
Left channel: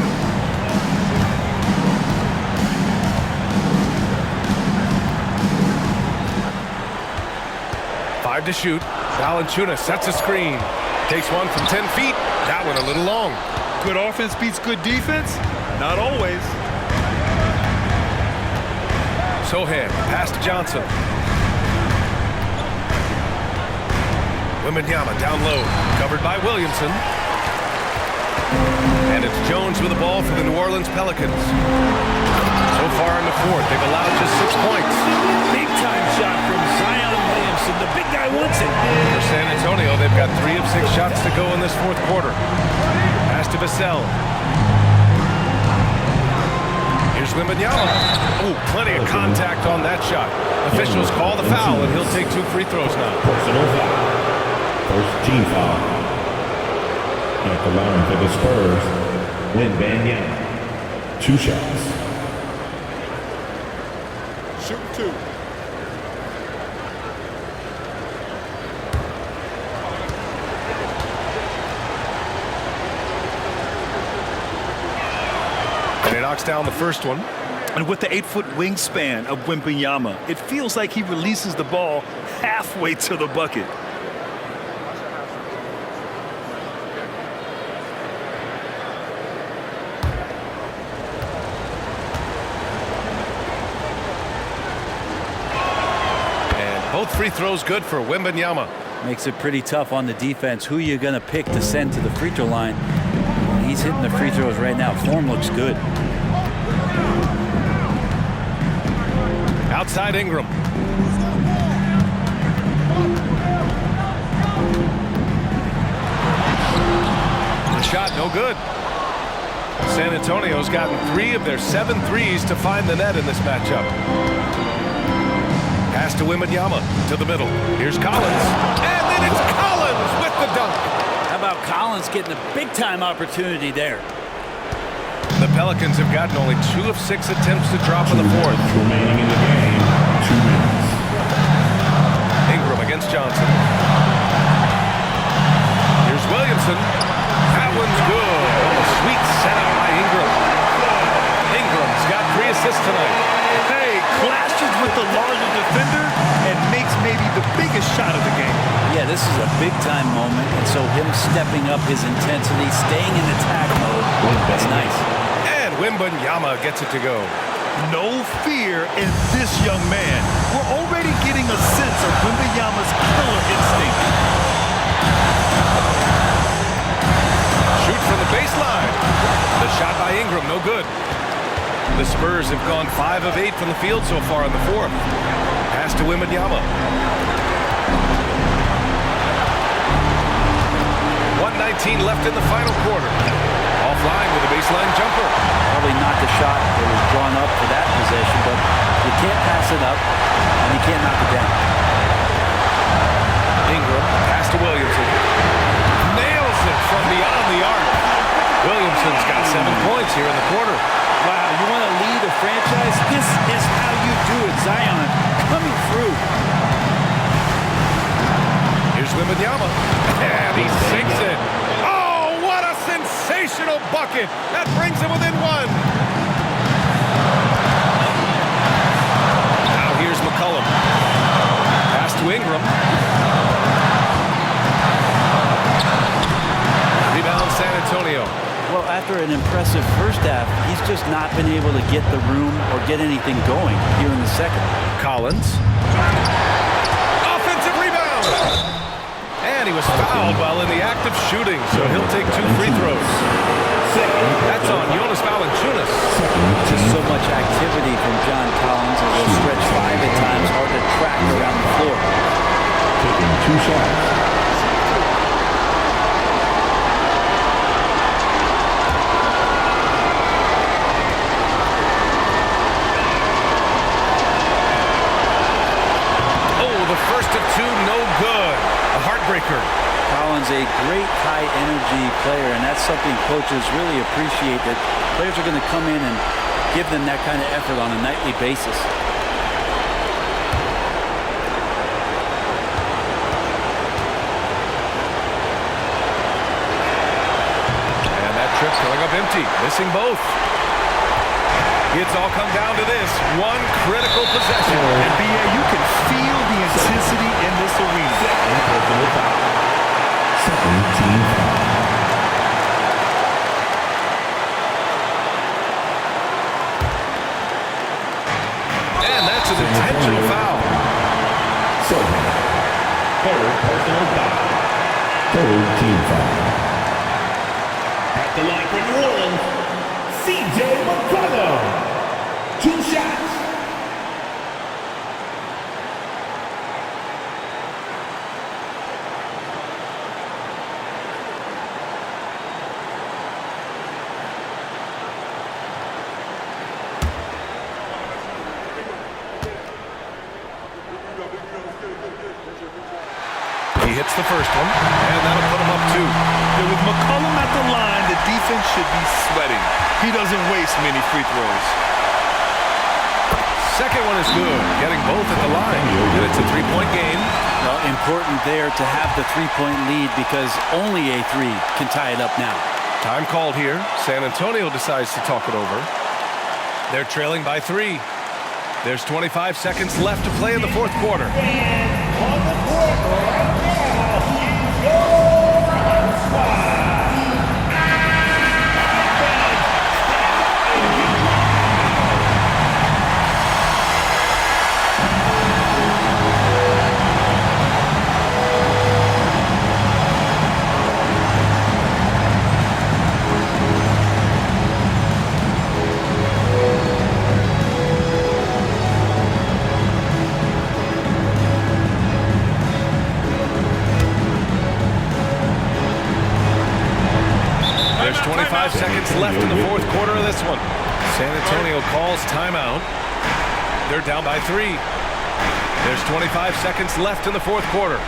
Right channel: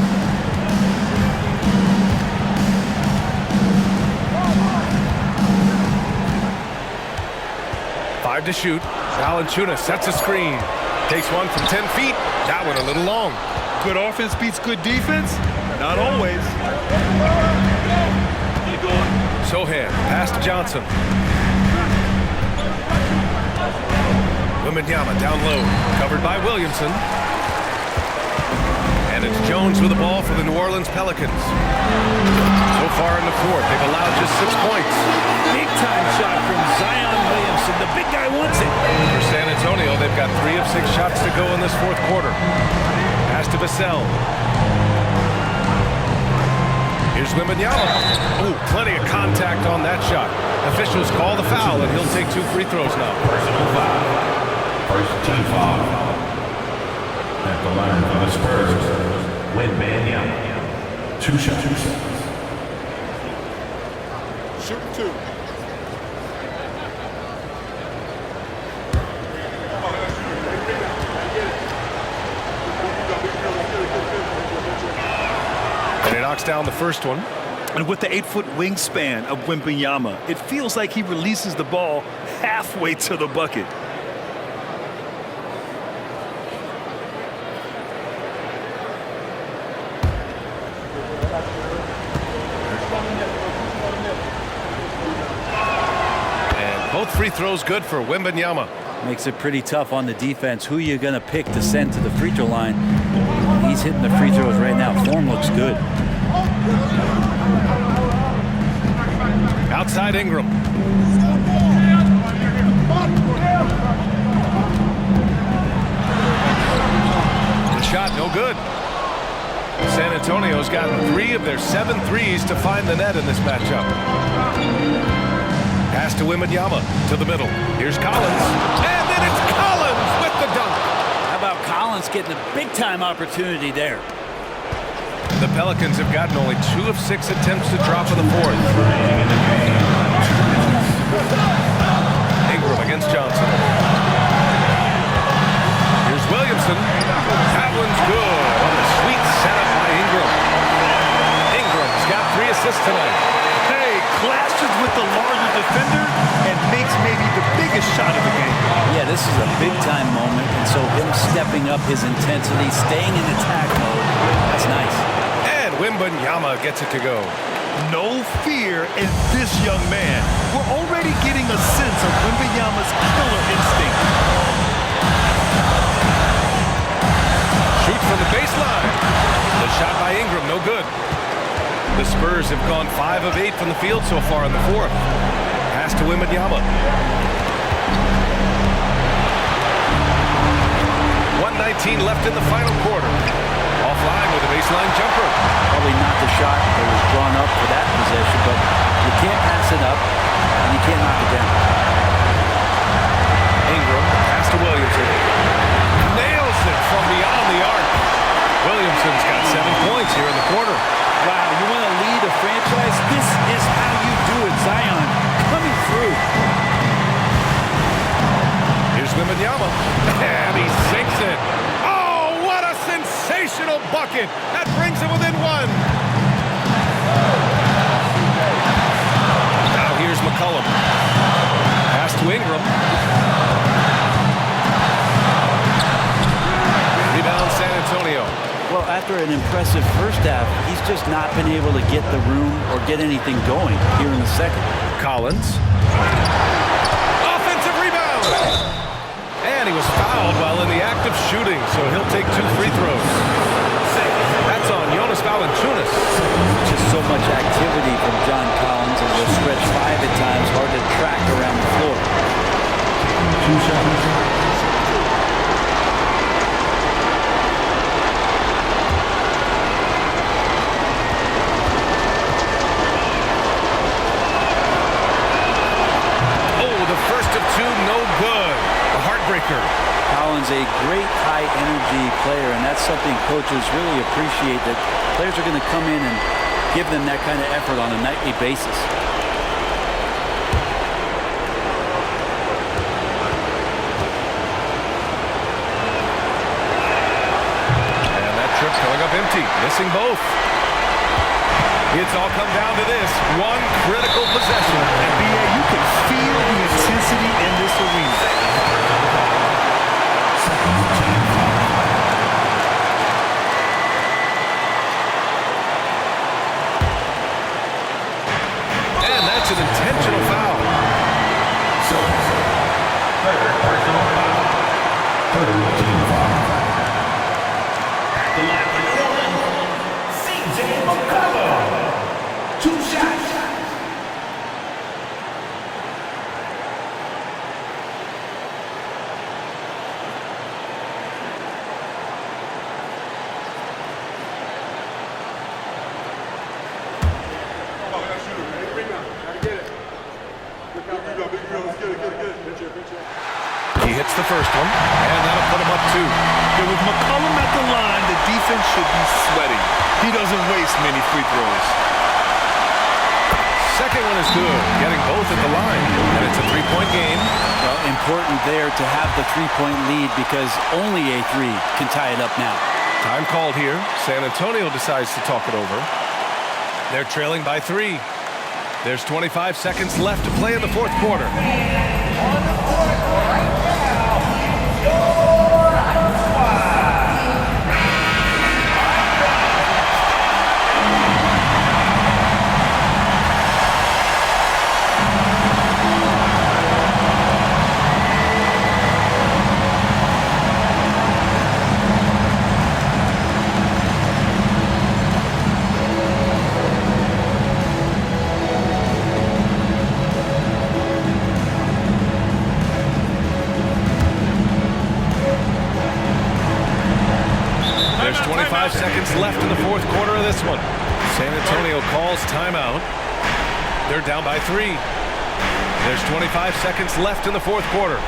Five to shoot. Valanciunas sets a screen. Takes one from 10 feet. That one a little long. Good offense beats good defense? Not always. Sohan, pass to Johnson. Wembanyama down low. Covered by Williamson. And it's Jones with the ball for the New Orleans Pelicans. So far in the fourth, they've allowed just 6 points. Big-time shot from Zion Williamson. The big guy wants it. For San Antonio, they've got 3 of 6 shots to go in this fourth quarter. Pass to Vassell. Here's Wembanyama. Oh, plenty of contact on that shot. Officials call the foul, and he'll take 2 free throws now. Personal foul. First team foul. At the line for the Spurs, Wembanyama. 2 shots. Shoot 2. And he knocks down the first one. And with the 8-foot wingspan of Wembanyama, it feels like he releases the ball halfway to the bucket. Both free throws good for Wembanyama. Makes it pretty tough on the defense. Who you going to pick to send to the free throw line? He's hitting the free throws right now. Form looks good. Outside Ingram. The shot no good. San Antonio's gotten 3 of their 7 threes to find the net in this matchup. Pass to Wembanyama to the middle. Here's Collins. And then it's Collins with the dunk. How about Collins getting a big-time opportunity there? The Pelicans have gotten only 2 of 6 attempts to drop in the fourth. Remaining in the game. 2 minutes. Ingram against Johnson. Here's Williamson. That one's good on the sweet setup by Ingram. Ingram's got 3 assists tonight. Hey, clashes with the larger defender and makes maybe the biggest shot of the game. Yeah, this is a big-time moment, and so him stepping up his intensity, staying in attack mode, that's nice. And Wembanyama gets it to go. No fear in this young man. We're already getting a sense of Wembanyama's killer instinct. Shoot from the baseline. The shot by Ingram, no good. The Spurs have gone 5 of 8 from the field so far in the fourth. Pass to Wembanyama. 1:19 left in the final quarter. Offline with a baseline jumper. Probably not the shot that was drawn up for that possession, but you can't pass it up, and you can't knock it down. Ingram, pass to Williamson. Nails it from beyond the arc. Williamson's got 7 points here in the quarter. Wow, you want to lead a franchise? This is how you do it. Zion coming through. Here's Wembanyama, and he sinks it. Oh, what a sensational bucket. That brings him within 1. Now here's McCollum. Pass to Ingram. Rebound San Antonio. Well, after an impressive first half, he's just not been able to get the room or get anything going here in the second. Collins. Offensive rebound. And he was fouled while in the act of shooting, so he'll take 2 free throws. That's on Jonas Valanciunas. Just so much activity from John Collins as he'll stretch 5 at times, hard to track around the floor. Taking 2 shots. The first of 2, no good. A heartbreaker. Collins, a great high-energy player, and that's something coaches really appreciate, that players are going to come in and give them that kind of effort on a nightly basis. And that trip coming up empty, missing both. It's all come down to this one critical possession. And BA, you can feel the intensity in this arena. Second team foul. And that's an intentional foul. Third personal foul. Third team foul. At the line for New Orleans, CJ McCollum. 2 shots. He hits the first one, and that'll put him up 2. Yeah, with McCollum at the line, the defense should be sweating. He doesn't waste many free throws. Second one is good, getting both at the line, and it's a 3-point game. Well, important there to have the 3-point lead because only a 3 can tie it up now. Time called here. San Antonio decides to talk it over. They're trailing by 3. There's 25 seconds left to play in the fourth quarter. On the court right now is your hot squad. seconds left in the fourth quarter of this one. San Antonio calls timeout. They're down by 3. There's 25 seconds left in the fourth quarter.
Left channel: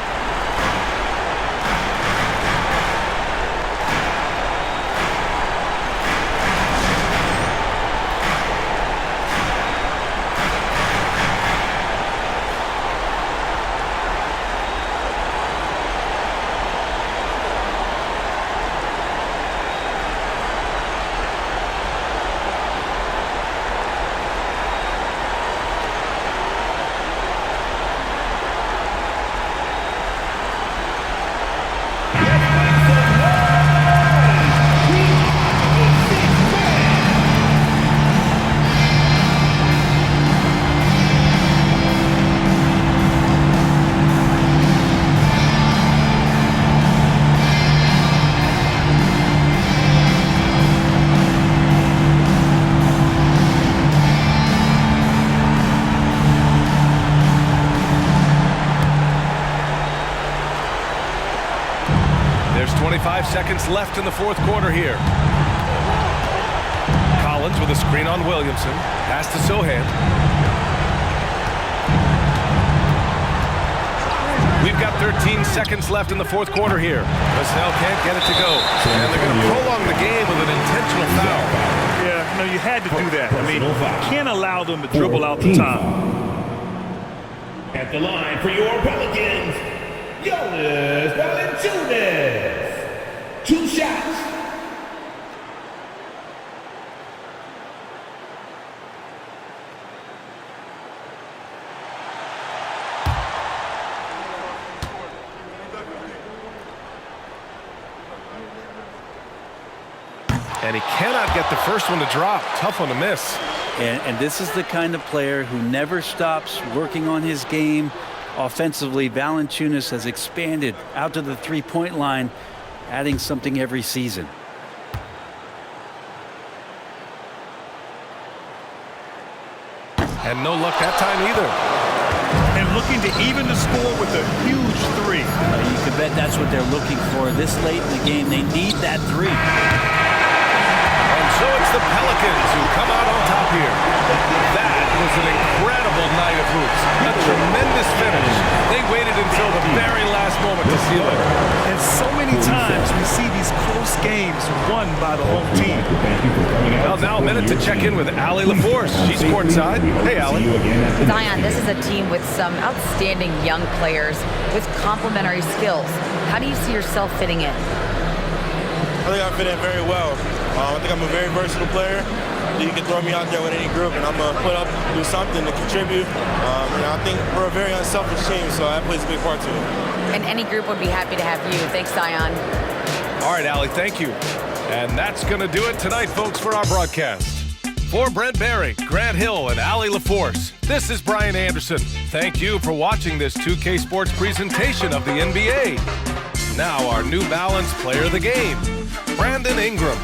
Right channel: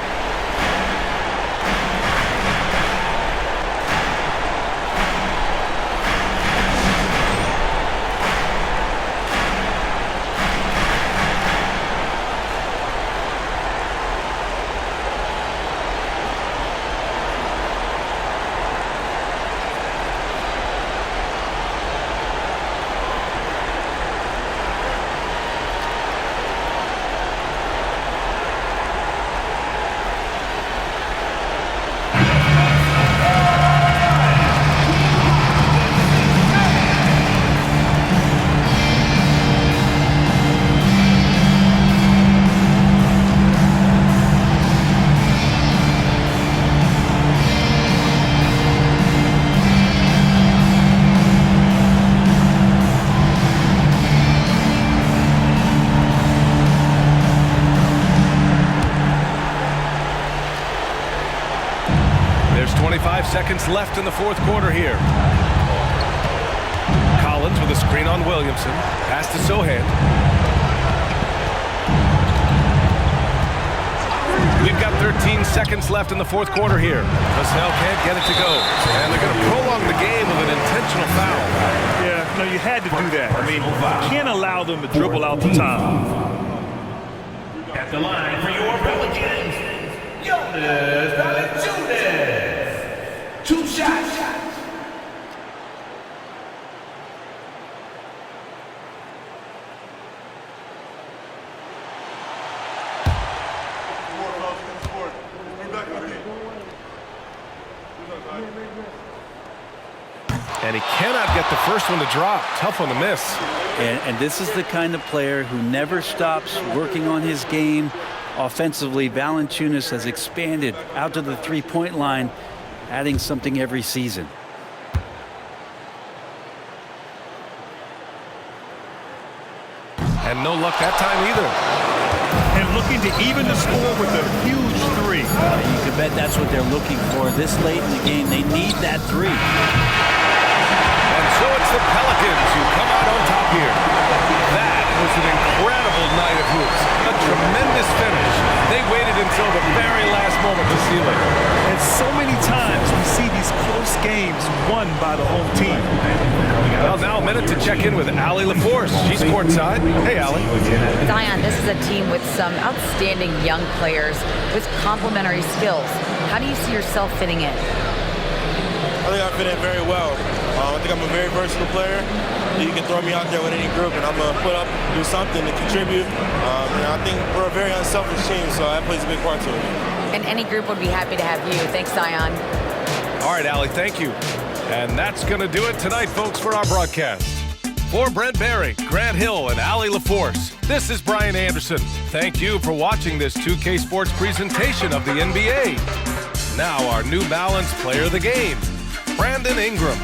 There's 25 seconds left in the fourth quarter here. Collins with a screen on Williamson. Pass to Sohan. We've got 13 seconds left in the fourth quarter here. Vassell can't get it to go. And they're going to prolong the game with an intentional foul. Yeah, no, you had to do that. I mean, you can't allow them to dribble out the time. At the line for your Pelicans, Jonas Valanciunas. 2 shots. And he cannot get the first one to drop. Tough one to miss. And this is the kind of player who never stops working on his game. Offensively, Valanciunas has expanded out to the three-point line, adding something every season. And no luck that time either. And looking to even the score with a huge 3. You can bet that's what they're looking for this late in the game. They need that 3. And so it's the Pelicans who come out on top here. That was an incredible night of hoops. A tremendous finish. They waited until the very last moment to seal it. And so many times we see these close games won by the home team. Well, now a minute to check in with Allie LaForce. She's courtside. Hey, Allie. Zion, this is a team with some outstanding young players with complementary skills. How do you see yourself fitting in? I think I fit in very well. I think I'm a very versatile player. You can throw me out there with any group, and I'm going to put up, do something to contribute. I think we're a very unselfish team, so that plays a big part to it. And any group would be happy to have you. Thanks, Zion. All right, Allie, thank you. And that's going to do it tonight, folks, for our broadcast. For Brent Barry, Grant Hill, and Allie LaForce, this is Brian Anderson. Thank you for watching this 2K Sports presentation of the NBA. Now our New Balance Player of the Game, Brandon Ingram.